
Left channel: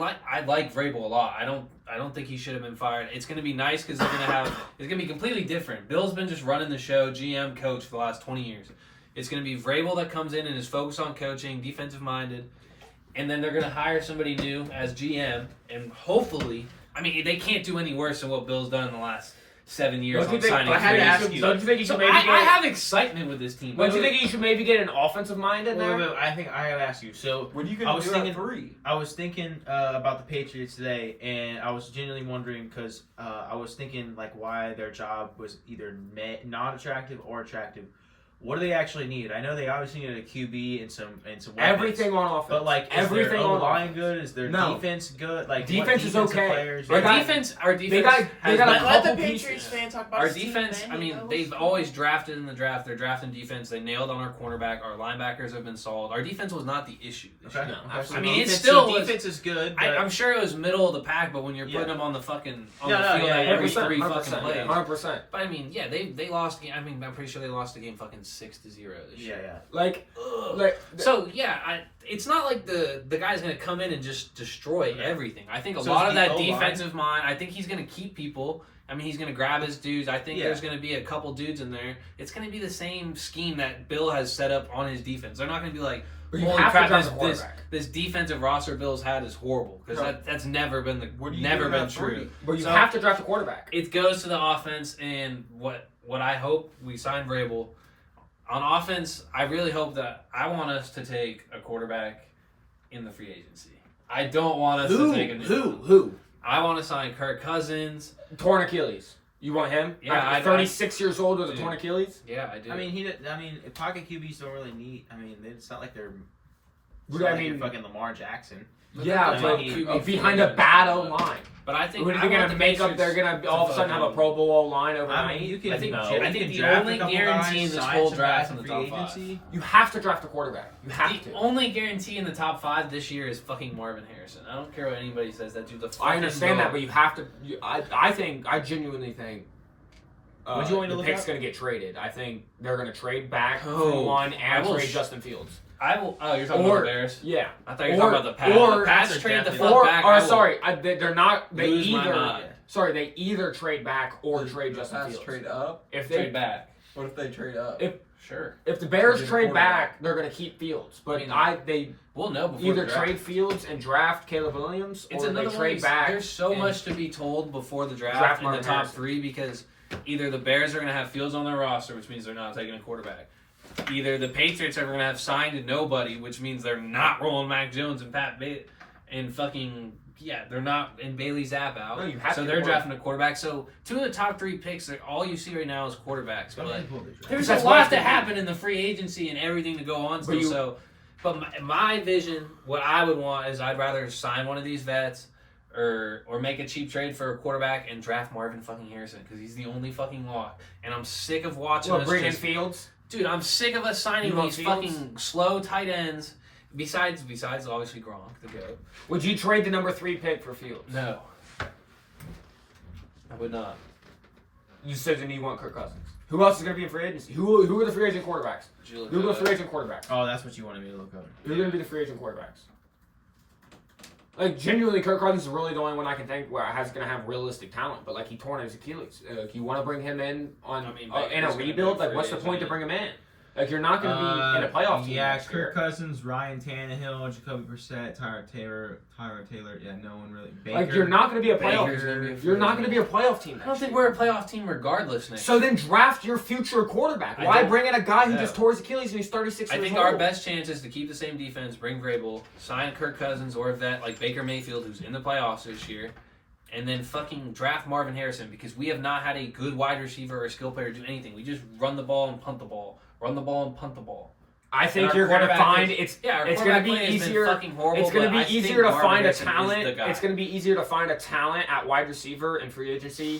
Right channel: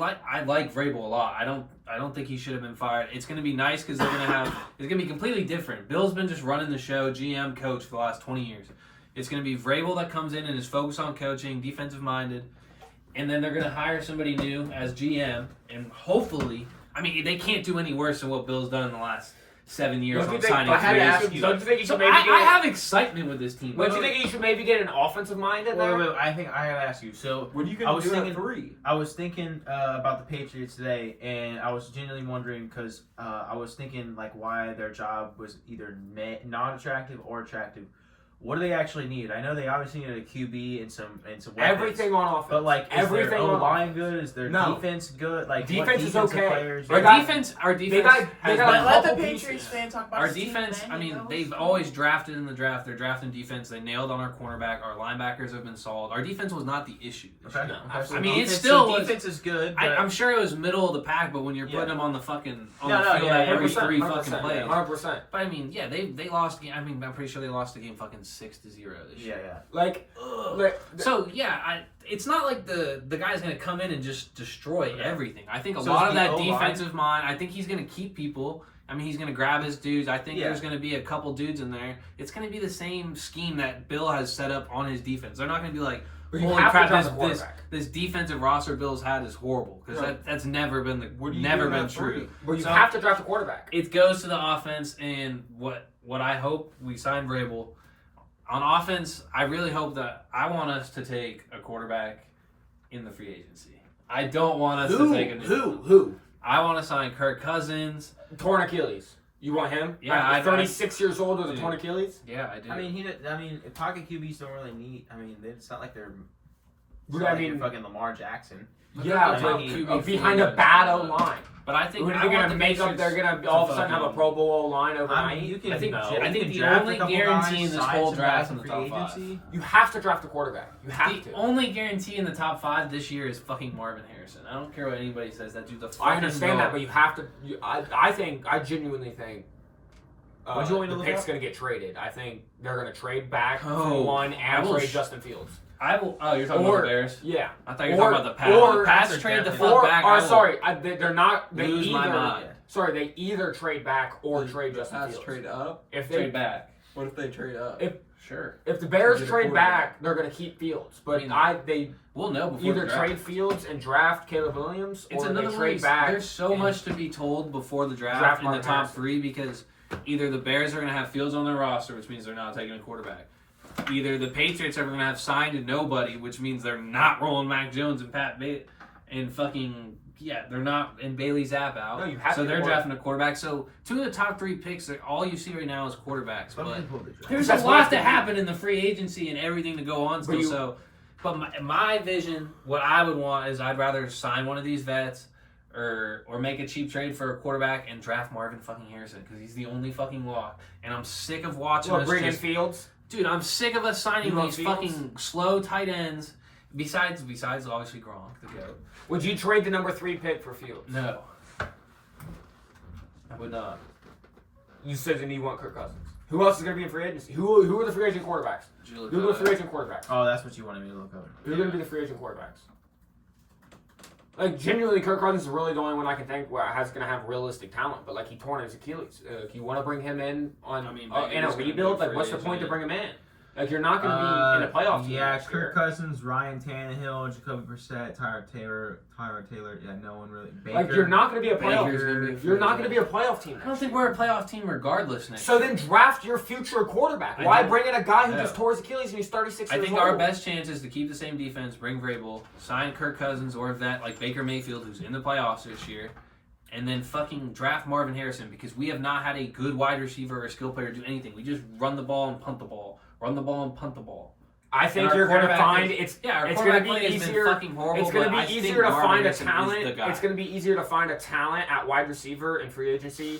like Vrabel a lot. I don't think he should have been fired. It's going to be nice because they're going to have. It's going to be completely different. Bill's been just running the show, GM, coach for the last 20 years. It's going to be Vrabel that comes in and is focused on coaching, defensive minded, and then they're going to hire somebody new as GM, and hopefully, I mean, they can't do any worse than what Bill's done in the last 7 years Don't you on think? signing. I had to free ask agents. you- Don't you think you So should maybe I get? have excitement with this team. Don't you think you should maybe get an offensive mind in Wait, there? wait, wait, I think I gotta ask you. So What are you I going was to do thinking- at 3? I was thinking about the Patriots today, and I was genuinely wondering because I was thinking like why their job was either not attractive or attractive. What do they actually need? I know they obviously needed a QB and some weapons. Everything on offense. But like, is everything their on O-line good? Is their No. defense good? Like, Defense what is defensive okay. Players They Our got- defense got- has they got been- a let the couple Patriots pieces. fan talk about Our Steve defense, I mean, Bennett. they've always drafted in the draft. They're drafting defense. They nailed on our cornerback. Our linebackers have been solid. Our defense was not the issue. This Okay. year. Okay, so I mean, it defense- still so was. defense is good. But I'm sure it was middle of the pack, but when you're Yeah. putting them on the fucking on No, the no, field yeah, every 100%, three 100%, fucking plays. 100%. But I mean, yeah, they lost. I mean, I'm pretty sure they lost the game fucking 6-0 this year. Yeah. Like, Ugh. So yeah, it's not like the guy's gonna come in and just destroy everything. I think a So lot is of the that O-line- defensive mind. I think he's gonna keep people. I mean, he's gonna grab his dudes. I think Yeah. there's gonna be a couple dudes in there. It's gonna be the same scheme that Bill has set up on his defense. They're not gonna be like, but you holy have crap, to draft a this quarterback. this defensive roster Bill's had is horrible because Right. that's never been What do you never do been at three? true. But you So- have to draft a quarterback. It goes to the offense, and what I hope we sign Vrabel on offense. I really hope that I want us to take a quarterback in the free agency. I don't want us to take a Who? I want to sign Kirk Cousins. Torn Achilles. You want him? Yeah, At 36 years old with a Dude. torn Achilles? Yeah, I do. I mean, pocket QBs don't really need. I mean, it's not like they're. It's But not I like mean- you're fucking Lamar Jackson. Yeah, I but mean, behind a bad O-line. but I think Who are I they want going the to make up? Patriots They're going to all of a sudden have a Pro Bowl O-line I overnight? mean, you can. I think- you I can think the draft a only couple guarantee guys, in this sign whole some draft guys in the free top five. agency. You have to draft a quarterback. You have The to. only guarantee in the top 5 this year is fucking Marvin Harrison. I don't care what anybody says. That dude's a fucking I understand that, dog. but you have to. I genuinely think. What'd you want me to the look pick's up? going to get traded. I think they're going to trade back Oh, from one I and will trade sh- Justin Fields. I will. Oh, you're talking Or- about the Bears. Yeah. I thought you were talking about the Pats. or- The Pats They're trade the definitely- fuck Or, back. I will sorry, they're not. They lose my either. mind. Sorry, they either trade back or trade The Justin Pats Fields. trade up. If they Trade back. What if they trade up? Sure. if the Bears Get a trade quarterback. back, they're going to keep Fields. But I mean, they We'll know before either the draft. trade Fields and draft Caleb Williams, It's or they another trade way. back. There's so and- much to be told before the Draft draft in the Marvin top Harrison. 3 because either the Bears are going to have Fields on their roster, which means they're not taking a quarterback. Either the Patriots are going to have signed nobody, which means they're not rolling Mac Jones and they're not in Bailey Zapp out. No, you have so to they're get drafting a quarterback. So 2 of the top 3 picks, all you see right now is quarterbacks. Let me But pull the draft. there's That's a why lot it's to the- happen in the free agency and everything to go on still. you- But my vision, what I would want is I'd rather sign one of these vets or make a cheap trade for a quarterback and draft Marvin fucking Harrison because he's the only fucking lock. And I'm sick of watching us bring in just, Fields. dude. I'm sick of us signing You want these Fields? fucking slow tight ends. Besides obviously Gronk, the goat. Would you trade the number 3 pick for Fields? No, I would not. You said you want Kirk Cousins. Who else is going to be in free agency? Who are the free agent quarterbacks? Did you look Who are the at free it? agent quarterbacks? Oh, that's what you wanted me to look up. Who are going to be the free agent quarterbacks? Like, genuinely, Kirk Cousins is really the only one I can think where has going to have realistic talent. But, like, he torn his Achilles. You want to bring him in on I mean, in Baker's a gonna rebuild? be Like, free what's the agent, point to yeah. bring him in? Like, you're not going to be in a playoff team Yeah, next year. Kirk Cousins, Ryan Tannehill, Jacoby Brissett, Tyler Taylor. Yeah, no one really. Baker. Like, you're not going to be a playoff Baker's team. gonna be a You're free not going to agent. be a playoff team I next don't think year. we're a playoff team regardless next So year. then draft your future quarterback. I Why don't- bring in a guy who No. just tore his Achilles and he's 36 I years think old? our best chance is to keep the same defense, bring Vrabel, sign Kirk Cousins or a vet like Baker Mayfield, who's in the playoffs this year, and then fucking draft Marvin Harrison because we have not had a good wide receiver or skill player do anything. We just run the ball and punt the ball, run the ball and punt the ball. I think And our you're going to quarterback find is- it's Our it's quarterback going to play be has been easier. fucking horrible. It's going to but I be think easier to Marvin find a Harrison is talent. the guy. It's going to be easier to find a talent at wide receiver in free agency,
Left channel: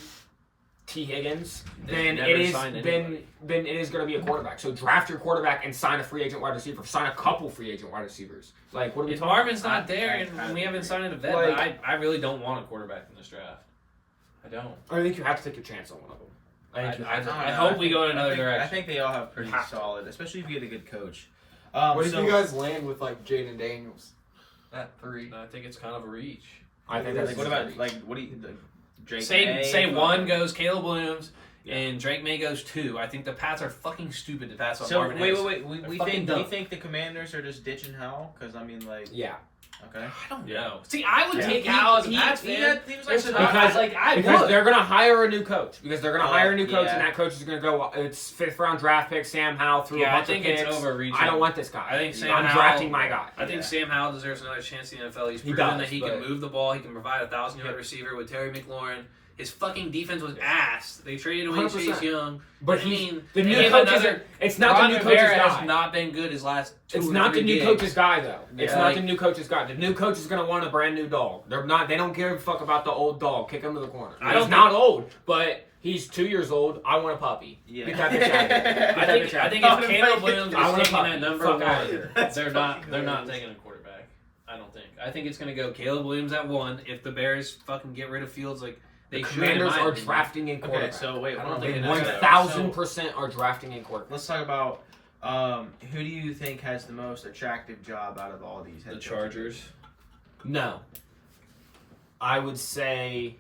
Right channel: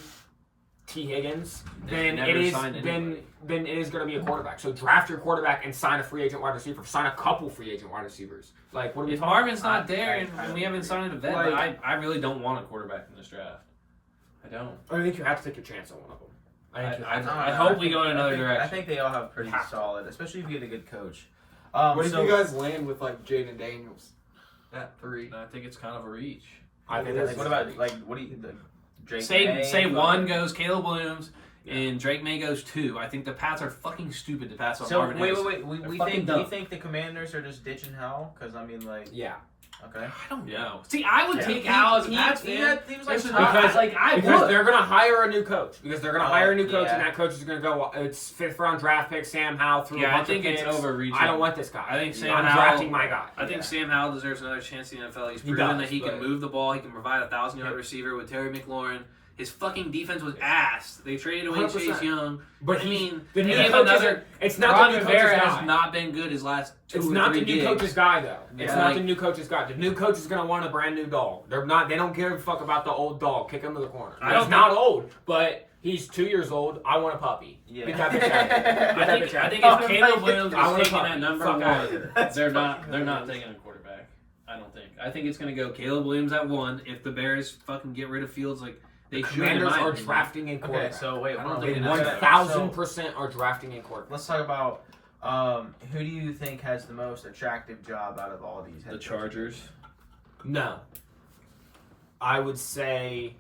T. Higgins, They've than never it is signed than anybody. than it is going to be a quarterback. So draft your quarterback and sign a free agent wide receiver. Sign a couple free agent wide receivers. Like what are we If talking? Marvin's not I- there I- and we haven't signed a vet, but I really don't want a quarterback in this draft. I don't. I think you have to take your chance on one of them. I hope we go in another direction. I think they all have pretty Have to. solid, especially if you get a good coach. What So- if you guys land with like Jaden Daniels at 3? I think it's kind of a reach. I think Like, that's What about what do you like, Drake? Say May, one goes Caleb Williams and Drake May goes 2. I think the Pats are fucking stupid to pass on So Marvin wait. Harrison. We They're fucking think dumb. we think the Commanders are just ditching Howell because I mean like yeah. okay. I don't know. See, I would Yeah. take Howell as a Pats He fan. was like Because- I Because would. they're going to hire a new coach. Because they're going to hire a new coach, yeah. and that coach is going to go. It's 5th round draft pick Sam Howell through a Yeah, I bunch think of it's picks. overreaching. I don't want this guy. I think Sam I'm Howell. drafting my guy. I think Sam Howell deserves another chance in the NFL. He's He proven does, that he can but- move the ball. He can provide a 1,000-yard receiver with Terry McLaurin. His fucking defense was ass. They traded away 100%. Chase Young. But I he- mean, the they new gave coach another. isn't. It's not Ron the new Rivera coach's has guy. not been good his last 2 It's or not the 3 new gigs. coach's guy though. It's Yeah, not like- the new coach's guy. The new coach is gonna want a brand new dog. They're not. They don't give a fuck about the old dog. Kick him to the corner. I don't He's not old, but he's 2 years old. I want a puppy. Yeah. Get that bitch out of here. Get I that think bitch out of if here. Caleb Williams I is wanna taking fuck- that number fuck out of one, here. That's they're not fucking taking a quarterback. I don't think. I think it's gonna go Caleb Williams at 1. If the Bears fucking get rid of Fields, like They should, Commanders in my are opinion. drafting in Okay, quarterback. so wait, I hold don't on. think They it is. 1,000% are drafting in quarterback. Let's talk about who do you think has the most attractive job out of all these? head The coaches? Chargers. No. I would say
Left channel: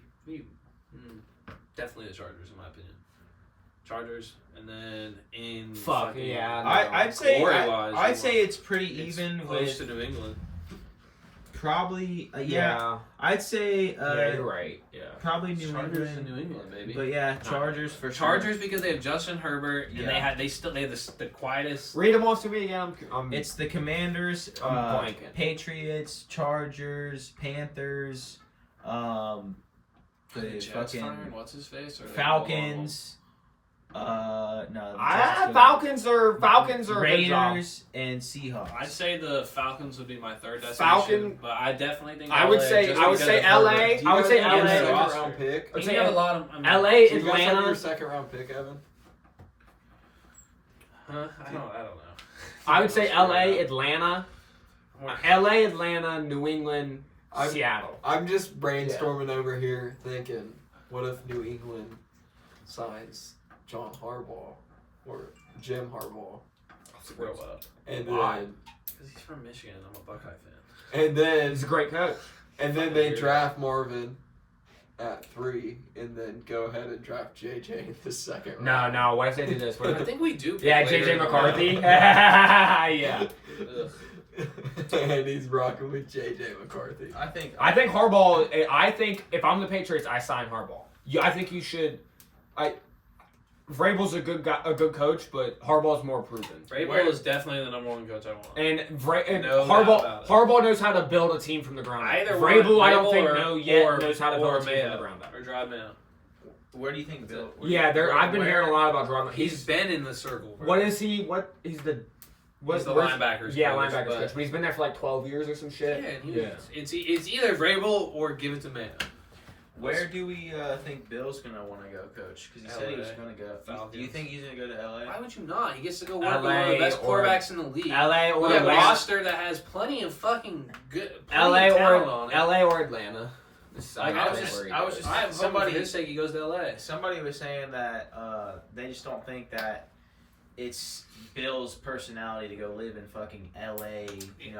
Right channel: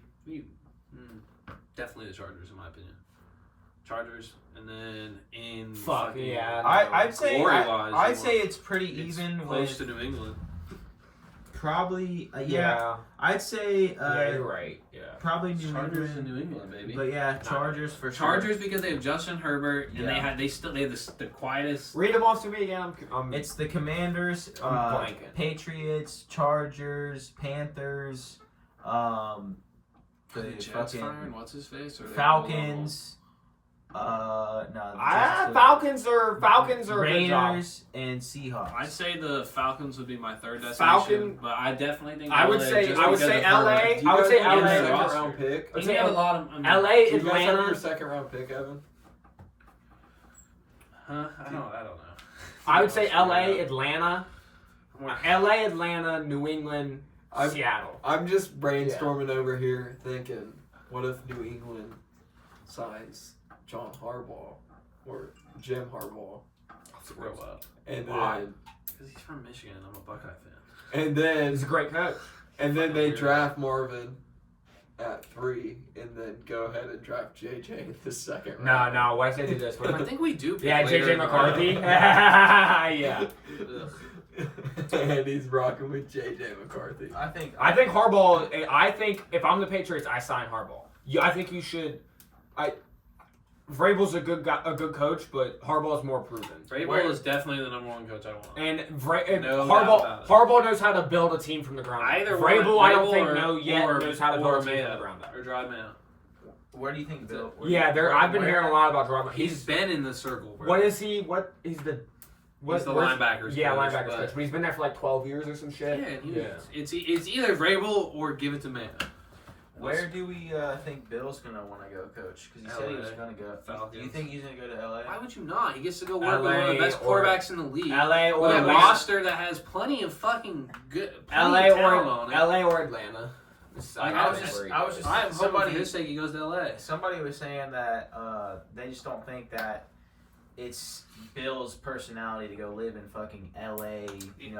Definitely the Chargers, in my opinion. Chargers, and then in fuck fucking- yeah. No. I'd say Glory-wise, I'd say it's pretty It's even close with to New England. probably yeah. I'd say Yeah, you're right. Yeah. probably New Chargers England. in New England, baby. But yeah, Chargers for sure. Chargers because they have Justin Herbert and Yeah. they have the quietest. Read them off to me again. It's the Commanders, I'm blanking. Patriots, Chargers, Panthers, the Jets fucking firing what's his face or Falcons. No, the Falcons are a good job. Raiders and Seahawks. I'd say the Falcons would be my third destination, Falcon- but I definitely think I would LA, say just LA. because of Herbert. I would say have a LA. second roster. round pick? I'd You say have a lot of LA, Do you guys have your Atlanta. second round pick, Evan? Huh? I don't know. I would say I'll LA, figure it Atlanta. out. LA, Atlanta, New England, I'm- Seattle. I'm just brainstorming over here, thinking, what if New England signs John Harbaugh or Jim Harbaugh, Throw up. and Why? then Because he's from Michigan and I'm a Buckeye fan. and then He's a great coach. they Weirdo. draft Marvin at 3, and then go ahead and draft JJ in the second No, round. no. What if they do this? What I if think we do. Pick yeah, later JJ in the McCarthy. round. Yeah. Ugh. And he's rocking with JJ McCarthy. I think I think Harbaugh. I think if I'm the Patriots, I sign Harbaugh. I think you should. Vrabel's a good guy, a good coach, but Harbaugh's more proven. Vrabel is definitely the number one coach I want. And, No doubt about it. Harbaugh knows how to build a team from the ground up. Either Vrabel, one, I don't think or- knows how to build a team Mayo, from the ground up. or Drive Mayo. Where do you think Bill? Yeah, I've been hearing a lot about Drama. He's been in the circle. Bro. What is he? What he's the? He's the where's- linebackers. Yeah, coach, linebackers but- coach, but he's been there for like 12 years or some shit. Yeah, and it's either Vrabel or give it to Mayo. Where do we think Bill's gonna want to go, coach? Because he said he was LA. gonna go. Falcons. Do you think he's gonna go to LA? Why would you not? He gets to go work with one of LA the best or- quarterbacks in the league. LA or With a Atlanta. roster that has plenty of fucking good. Plenty LA of talent on it. LA or Atlanta. I was just I'm hoping somebody for his sake he goes to LA. Somebody was saying that they just don't think that it's Bill's personality to go live in fucking LA,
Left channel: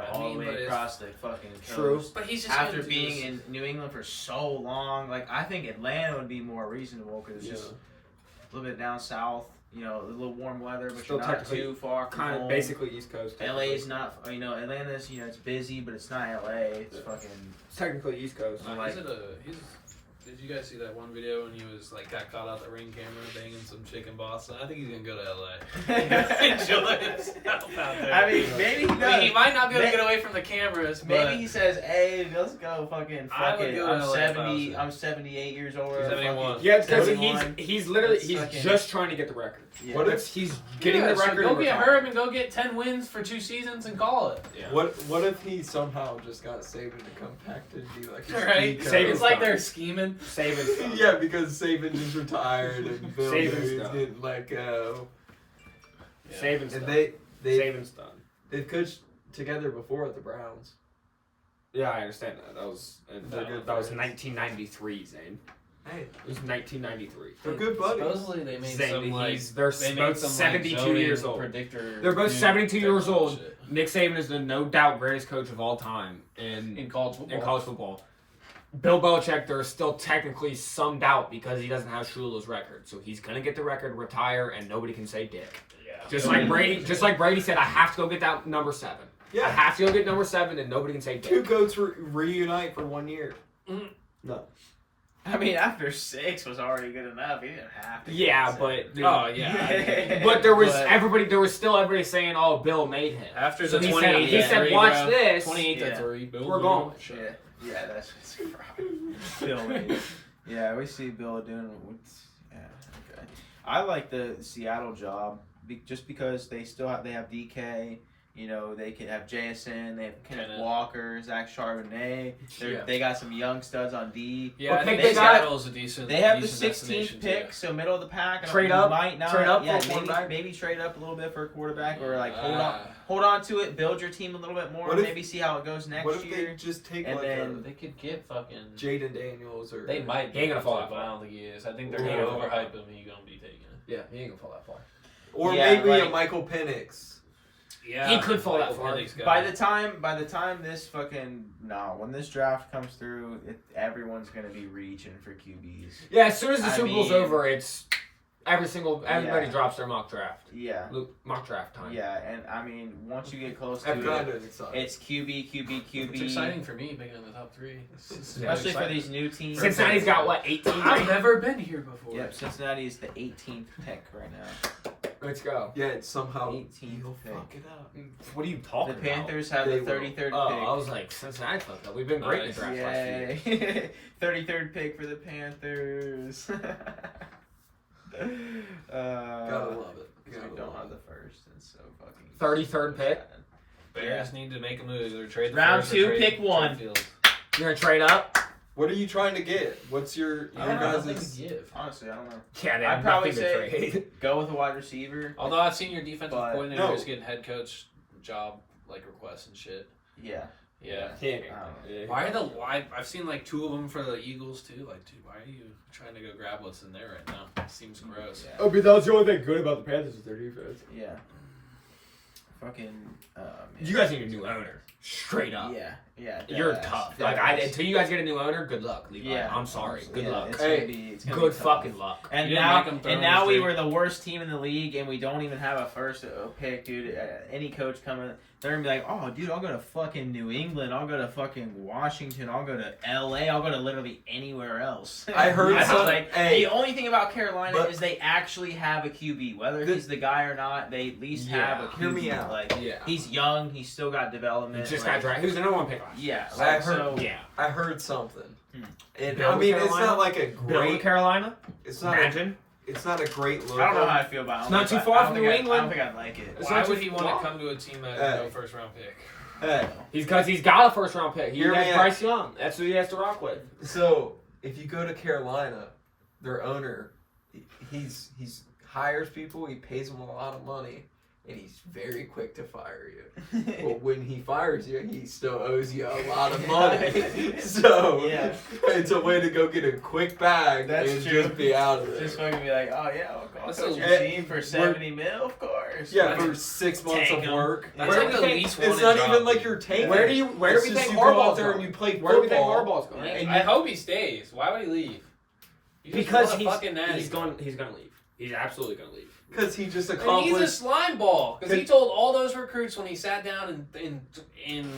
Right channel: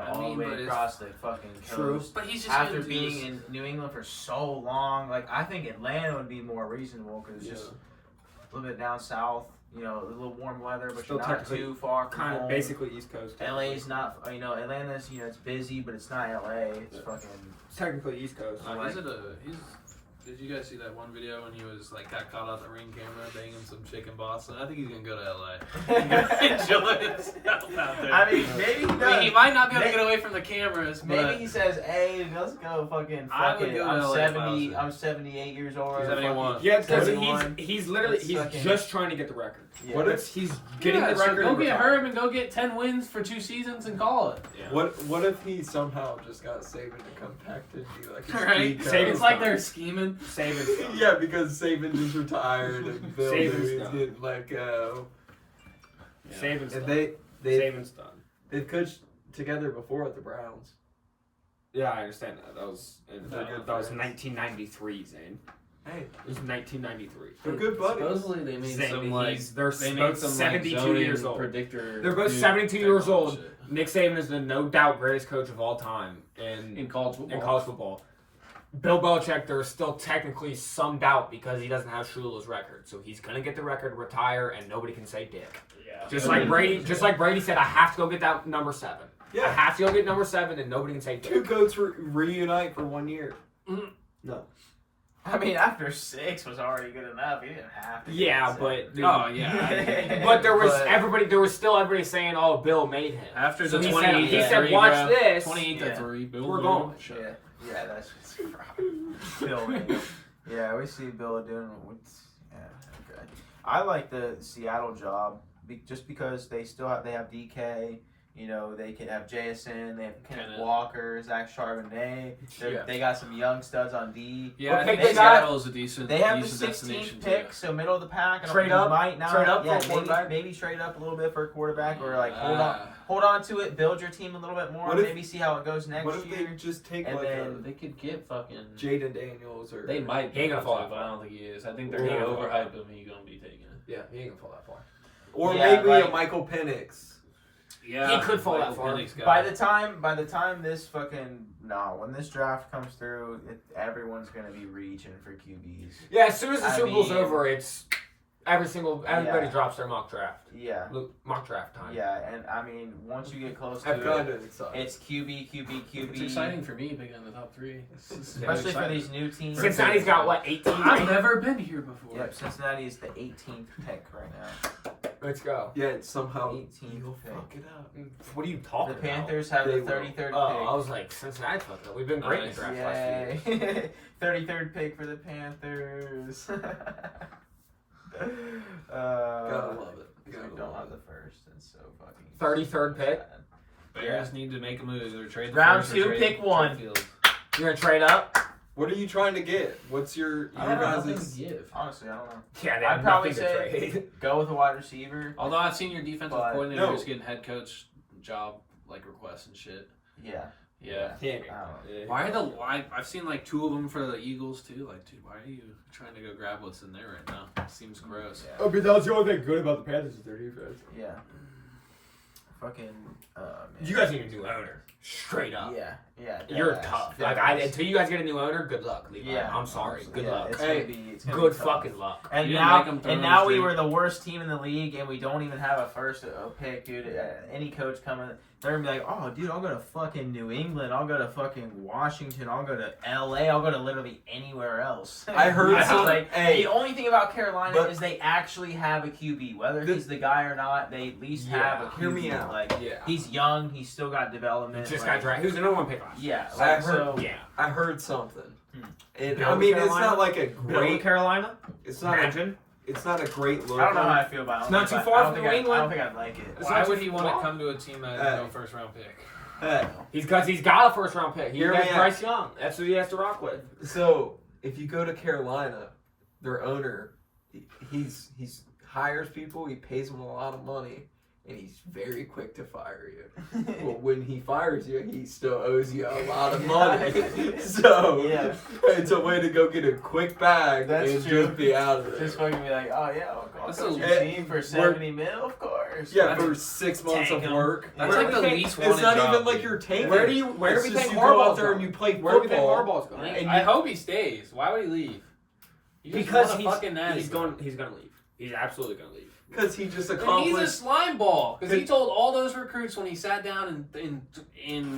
all the but way it's- across the fucking True. coast. But he's just After gonna do being this- in New England for so long, like I think Atlanta would be more reasonable because it's just a little bit down south, a little warm weather, but Still you're not technically too far from Kind of home. basically East Coast. LA's not, Atlanta's, it's busy, but it's not LA. It's fucking. It's technically East Coast. Did you guys see that one video when he was like got caught out the ring camera banging some chick in Boston? I think he's gonna go to LA. Enjoy himself out there. I mean, maybe he does. he might not be able to get away from the cameras, but Maybe he says, "Hey, let's go, fucking I fuck would it. go I'm to LA if I was 70. him. I'm 78 years old. He's 71. Yeah, because 71. he's literally That's he's fucking- just trying to get the record. Yeah. What if He's getting the so record. go and get retire. Herb and go get 10 wins for 2 seasons and call it. Yeah. What if he somehow just got Saban to come back to be like his Right? speaker? Saban's It's like they're scheming. Saban's done. Yeah, because Saban just retired and Bill Saban's News done. didn't let go. Saban's And done. Saban's done. they've coached together before at the Browns. Yeah, I understand that. That was They're good 1993, Zane. Hey, It was 1993. they're good buddies. Supposedly they made Zane, some like they're they both made some 72 like years old. predictor. They're both dude 72 type years of old. shit. Nick Saban is the no doubt greatest coach of all time In college football. in college football. Bill Belichick, there is still technically some doubt because he doesn't have Shula's record, so he's gonna get the record, retire, and nobody can say dick. Yeah. Just like Brady said, I have to go get that number 7. I Yeah, have to go get number 7, and nobody can say two dick. goats reunite for 1 year. Mhm. No. I mean, after 6 was already good enough. He didn't have to. Yeah, get but seven. Oh yeah. but there was But- still everybody saying, "Oh, Bill made him." After So the he 28 said, to 3, "Watch bro. this." 28 Yeah. to 3. Bill We're News. going. Shut Yeah, up. yeah, that's just Bill. Yeah, we see Bill doing. Yeah, okay. I like the Seattle job just because they have DK. They could have JSN. They have Kenneth Kenneth. Walker, Zach Charbonnet. Yeah. They got some young studs on D. Yeah, I think they got- Seattle is a decent. They have the decent 16th destination pick, too. so middle of the pack. Trade up? Might not. Trade up for yeah, a quarterback? maybe trade up a little bit for a quarterback, or like hold on. hold on to it, build your team a little bit more, What if- maybe see how it goes next What if year. they just take and like then- They could get fucking. Jaden Daniels or They might. He ain't gonna fall but that I far. don't think he is. I think they're He gonna ain't gonna fall overhype him. He's gonna be taken. Yeah, he ain't gonna fall that far. or Yeah, maybe a like- Michael Penix. Yeah, He could fall that Michael far. Penix guy. By the time this when this draft comes through, everyone's gonna be reaching for QBs. Yeah, as soon as the I Super Bowl's mean- over, it's everybody Yeah. drops their mock draft. Yeah, Mock draft time. yeah, and I mean once you get close I'm to kind it, of excited. it's QB. It's exciting for me picking in the top 3. Especially for these new teams. Cincinnati's got what 18. I've never been here before. Yep, Cincinnati is the 18th pick right now. Let's go. Yeah, it's somehow 18th you'll pick. fuck it up. What are you The talking about? Panthers have They the will. 33rd Oh, pick. I was like, Cincinnati fucked up. We've been great in the draft last year. Yay! 33rd pick for the Panthers. Gotta love it. We Gotta don't love have it. the first. It's so fucking. 33rd pick? sad. Bears need to make a move. Either trade the Round first or 2, trade pick 1. Fields. You're gonna trade up? What are you trying to get? What's your I don't know. guys' Nothing to give. Honestly, I don't know. Yeah, they I'd have probably nothing to say trade. go with a wide receiver. Although I've seen your defensive But- coordinators No. getting head coach job like requests and shit. Yeah. Yeah. Why? Why are I've seen like 2 of them for the Eagles too. Like, dude, why are you trying to go grab what's in there right now? It seems gross. Yeah. Oh, but that was the only thing good about the Panthers is their defense. Yeah. Fucking. Man. You guys need a new owner. Straight up. Yeah. Yeah. You're deadass. tough. Deadass. Until you guys get a new owner, good luck. Levi. Yeah. I'm sorry. Good Yeah, luck. It's Hey, gonna be, it's gonna Good be tough. fucking luck. And You didn't now, make 'em throw and them now we straight. were the worst team in the league, and we don't even have a first pick, dude. Any coach coming, they're gonna be like, "Oh, dude, I'll go to fucking New England. I'll go to fucking Washington. I'll go to LA. I'll go to literally anywhere else." I heard I was some- like, hey, the only thing about Carolina but- is they actually have a QB. Whether he's the guy or not, they at least have a QB. Hear me out. Like, Yeah. he's young. He's still got He development. just like, got drafted. Who's the number 1 pick last year? Yeah. I Like, heard- so, Yeah. I heard something. And Bill I mean, it's Carolina? not like a Bill great. Carolina? It's not. Imagine. It's not a great look. I don't know how I feel about it. It's not too far from New I don't England. think I'd like it. It's Why not would too he want far. to come to a team that Hey. has no first round pick? Hey, Because he's got a first round pick. He Hear has me out. Bryce Young. That's who he has to rock with. so if you go to Carolina, their owner, he's hires people. He pays them a lot of money, and he's very quick to fire you. But when he fires you, he still owes you a lot of money. So Yeah. it's a way to go get a quick bag That's and true. just be out of there. Just fucking be like, oh yeah, I'll That's coach a- your team for 70 mil, of course. Yeah, That's- for 6 months Tank of 'em. work. That's Where like do the we least It's wanted not job, even like dude. you're tanking. Where do you It's we just think you go Harbaugh's out there and going? you play Where do we think football. Harbaugh's going? And I you- hope he stays. Why would he leave? You just Because want a fucking natty. he's gonna leave. He's absolutely gonna leave. Because he just And he's accomplished. a slime ball because he told all those recruits when he sat down in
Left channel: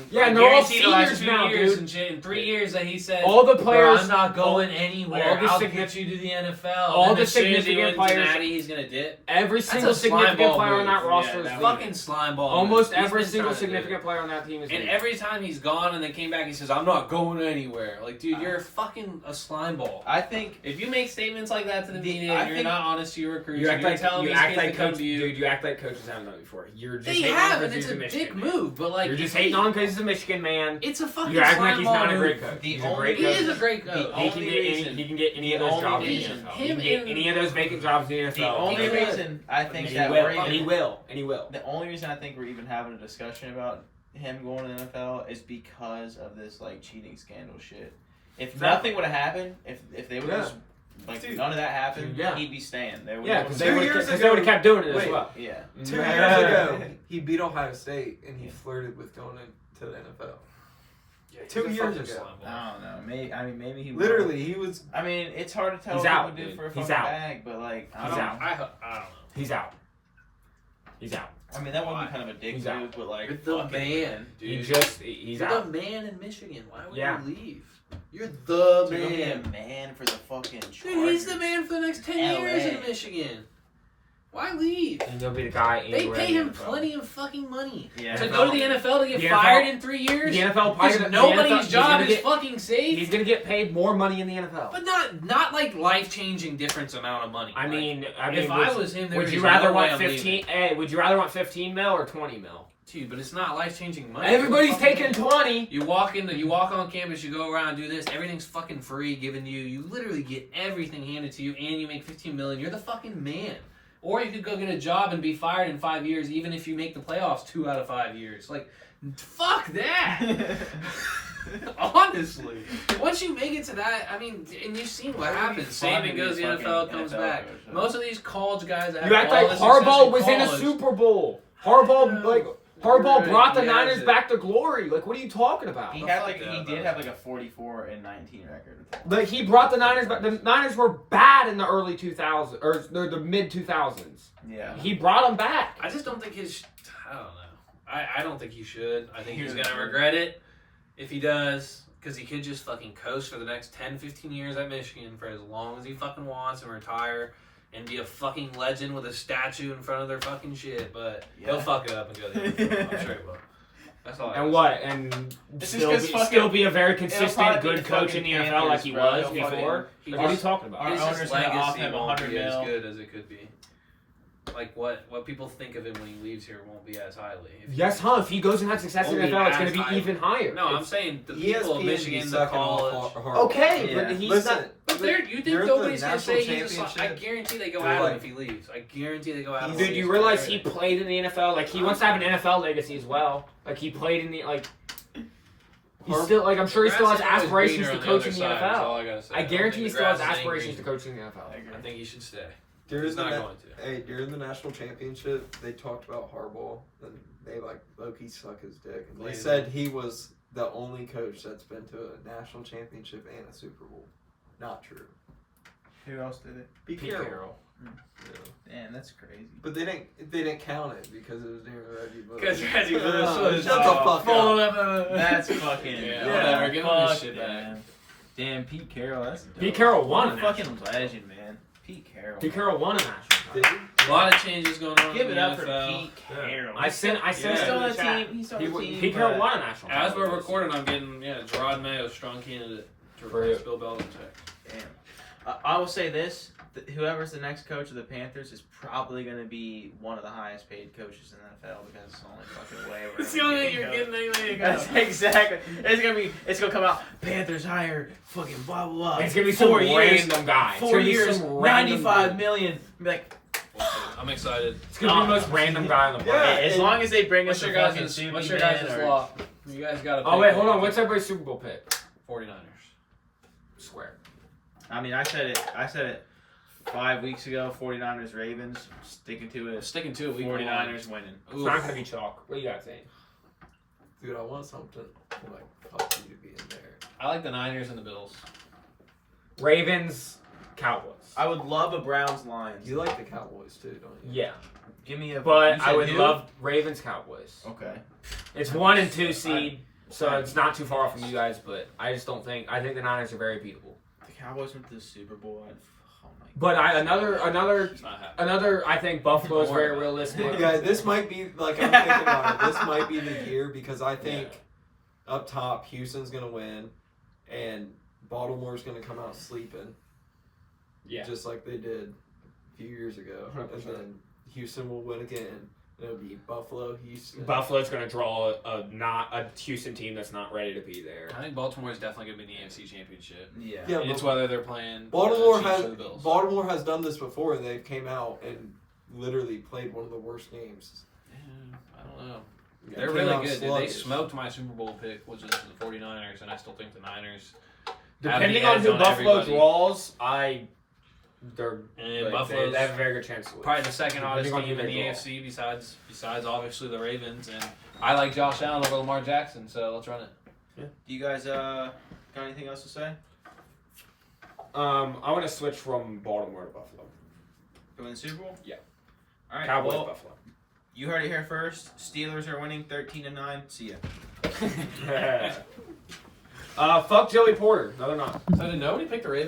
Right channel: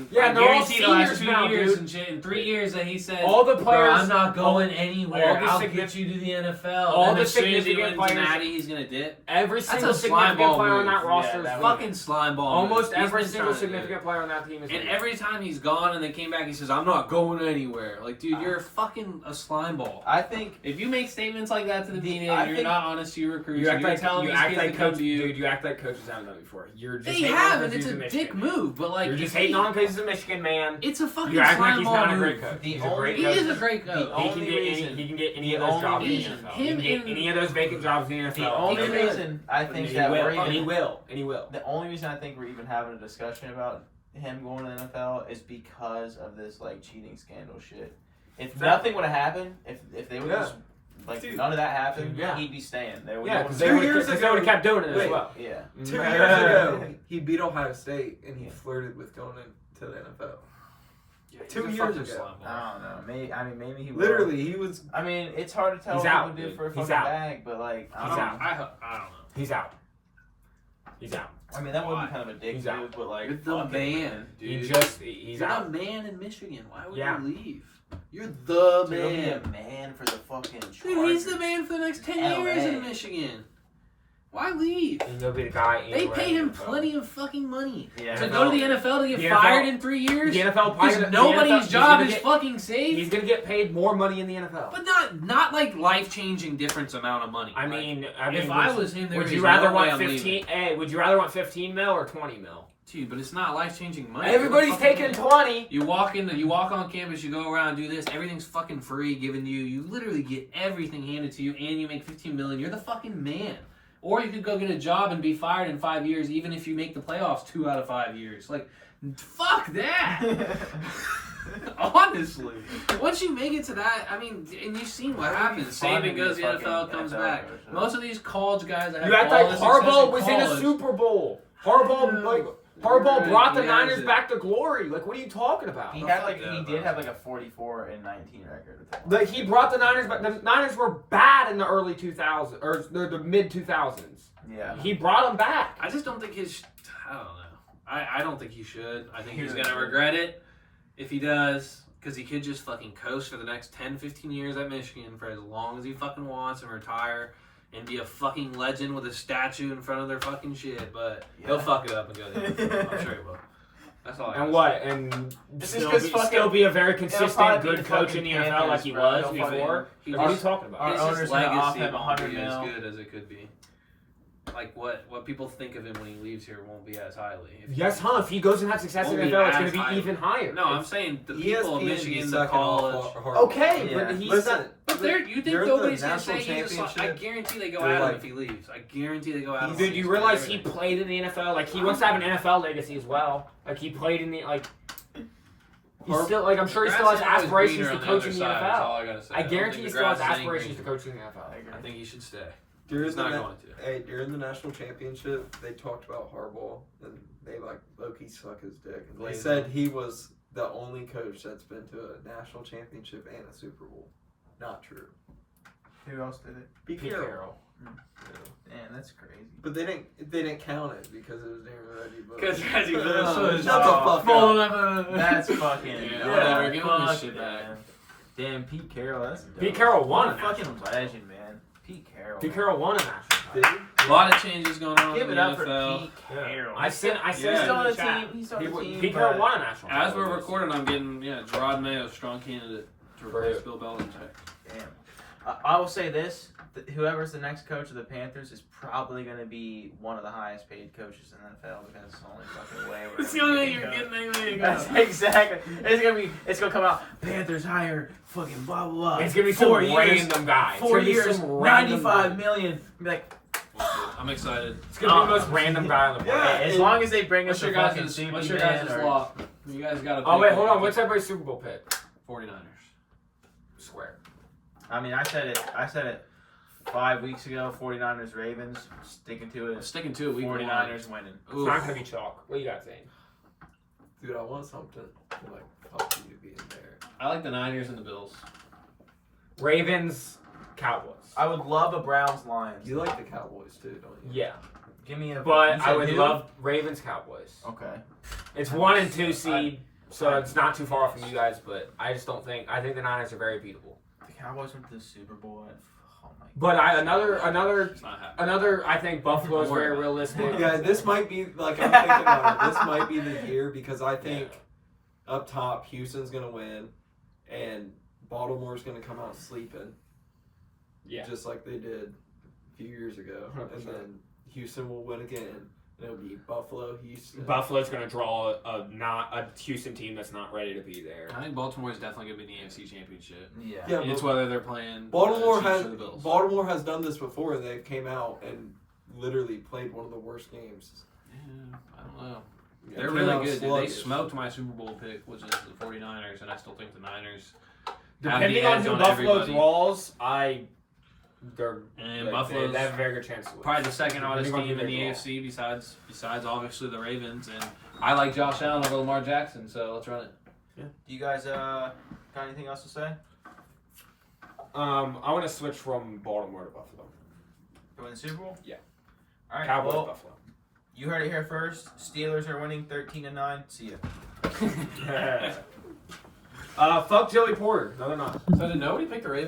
Yeah, I and they're all guarantee the last seniors 2 now, years dude. and shit in 3 years that he said All the "Bro, players- I'm not going anywhere. all the I'll signi- get you to the NFL. all and the as soon as he significant wins the players- natty, he's gonna dip. Every That's single a slime significant ball player on move. that roster Yeah, is that leaving. Fucking slime ball. Almost move. He's every been single trying to do significant player on that team is And leaving. every time he's gone and then came back, he says, "I'm not going anywhere." Like, dude, you're fucking a slime ball. I think If you make statements like that to the media I and you're think- not honest to your recruits, You and act you're like telling you these act kids like to come coach, to you. dude. You act like coaches haven't done it before. You're just They hating have, on and because it's a he's dick Michigan, man. move. But like, You're just if hating he- on because he's a Michigan man. It's a fucking You're acting like slime he's ball not a move. great coach. The He's a only great He coach. is a great The coach. He can only get any, reason- he can get any the of those only jobs in the reason- NFL. him He can get and- any of those vacant jobs in the the NFL. only could. reason I And think he that will, we're and he even will, and he will. the only reason I think we're even having a discussion about him going to the NFL is because of this like cheating scandal shit. If nothing would have happened, if they would have Yeah. just like Dude. none of that happened, Yeah. he'd be staying. They would Yeah, because 2 they would years have ago- kept doing it as Wait. well. yeah. 2 years Yeah. ago, he beat Ohio State and he flirted with going into the NFL. Yeah, he's 2 a years fucking ago. slime ball. I don't know. Maybe he will. Literally, he was. I mean, it's hard to tell He's what out, he would do dude. for a He's fucking out. bag, but like, I He's don't. out. I don't know. He's out. He's out. I mean, that would Why? be kind of a dick He's move, out. but like, You're the fucking man, dude. He's You're out. the man in Michigan. Why would Yeah. you leave? You're the Dude, he'll be a man. man for the fucking Chargers. Dude, he's the man for the next 10 years LA. in Michigan. Why leave? And you'll be the guy. They anywhere pay in him the NFL. plenty of fucking money. Yeah. To go to the NFL to get The fired NFL in 3 years? The NFL Because the nobody's NFL he's job gonna is get- fucking safe. He's gonna get paid more money in the NFL. But not like life-changing difference amount of money. I Like, mean, if I was him, there would is you rather no way want I'm 15? leaving. Hey, would you rather want 15 mil or 20 mil? Dude, but it's not life-changing money. Everybody's You're a fucking taking man. 20. You walk on campus, you go around, do this, everything's fucking free given to you. You literally get everything handed to you, and you make $15 million. You're the fucking man. Or you could go get a job and be fired in 5 years, even if you make the playoffs 2 out of 5 years. Like, fuck that. Honestly, once you make it to that, I mean, and you've seen what happens. Saban goes to the NFL, comes back. Most of these college guys that have You act like Harbaugh was in a college, Super Bowl. Harbaugh brought the Niners back to glory. Like, what are you talking about? He did have like a 44-19 record. Like, he brought the Niners back. The Niners were bad in the early 2000s or the mid 2000s. Yeah. He brought them back. I just don't think I don't know. I don't think he should. I think he's gonna regret it if he does, because he could just fucking coast for the next 10, 15 years at Michigan for as long as he fucking wants and retire and be a fucking legend with a statue in front of their fucking shit. But he'll fuck it up and go there. I'm sure he will. That's all. And what? And still be a very consistent, good coach in the NFL like he was before. What are you talking about? Our owner's gonna off him won't $100 be as million. good as it could be. Like what people think of him when he leaves here won't be as highly. Yes, huh? If he goes and has success in the NFL, it's going to be even higher. No, I'm saying the people of Michigan, the college. Okay, Yeah. but he's Listen, not. But you think During nobody's the gonna say national he's just? I guarantee they go they're at him like- if he leaves. I guarantee they go at him. Dude, you realize he played in the NFL? Like, he wants to have an NFL legacy as well. Like, he played in the, like... He's still, like, I'm sure he still has aspirations to coach in the NFL. I guarantee he still has aspirations to coach in the NFL. I think he should stay. During He's the not na- going to. Hey, during the national championship, they talked about Harbaugh, and they like low-key suck his dick. And they Lazy. said he was the only coach that's been to a national championship and a Super Bowl. Not true. Who else did it? Pete Carroll. Damn, that's crazy. But they didn't count it because it was during Reggie Bush. Because Reggie Bush Oh, was shut the fuck full up. of That's fucking. Yeah, yeah, give him his fuck shit that. back. Damn, Pete Carroll. That's dope. Pete Carroll won What a fucking legend, man. Pete Carroll. Pete Carroll won a national Did title. he? A lot of changes going on Give in it the up for NFL. Pete Carroll. I sent Yeah. it He's in still on the the chat. team. He's still on the team. Pete Carroll but- won a national title. As we're recording, I'm getting Gerard Mayo, strong candidate to replace Bill Belichick. Damn. I will say this: whoever's the next coach of the Panthers is probably going to be one of the highest paid coaches in the NFL because it's the only fucking way. It's the only way you're getting anyway to go. That's exactly. It's gonna come out. Panthers hired fucking blah blah blah. It's gonna be 4 some years. random guy. It's 4 gonna be years, some random 95 guy. million. Be like, I'm excited. It's gonna be the most random guy on the planet. Yeah. as long as they bring us What's your a fucking guys' Superman or- law? You guys got to Oh wait, hold on. What's everybody's Super Bowl pick? 49ers. Square. I mean, I said it 5 weeks ago. 49ers Ravens. Sticking to it. Sticking to it. 49ers winning. It's not gonna be chalk. What do you got, Zane? Dude, I want something like up to you to be in there. I like the Niners and the Bills. Ravens, Cowboys. I would love a Browns Lions. You like the Cowboys too, don't you? Yeah, Give me a. but you I said would who? love Ravens, Cowboys. Okay. It's 1 and 2 seed, so it's not too far off from you guys. But I just don't think. I think the Niners are very beatable. The Cowboys went to the Super Bowl. Oh my. But another. It's not happening. I think Buffalo is very realistic. Yeah, this might be like I'm thinking about it. This might be the year because I think up top Houston's gonna win, and Baltimore's gonna come out sleeping. Yeah. Just like they did a few years ago, 100%. and then Houston will win again. It'll be Buffalo, Houston. Buffalo's going to draw a Houston team that's not ready to be there. I think Baltimore's definitely going to be in the AFC Championship. Yeah. Yeah, It's but whether they're playing Baltimore Chiefs has or the Bills. done this before. They came out and literally played one of the worst games. Yeah, I don't know. Yeah, They're came really out good. Dude. They sluggish. smoked my Super Bowl pick, which is the 49ers, and I still think the Niners. Depending have on the who edge Buffalo everybody. draws, And Buffalo's they have a very good chance to win. probably the second hottest Depending on team in who the they draw. AFC besides obviously the Ravens. And I like Josh Allen over Lamar Jackson, so let's run it. Do you guys got anything else to say? I want to switch from Baltimore to Buffalo. To win the Super Bowl? Yeah. All right. Cowboys, Well, Buffalo. you heard it here first. Steelers are winning 13-9. See ya. Fuck Joey Porter. No, they're not. So did nobody pick the Ravens?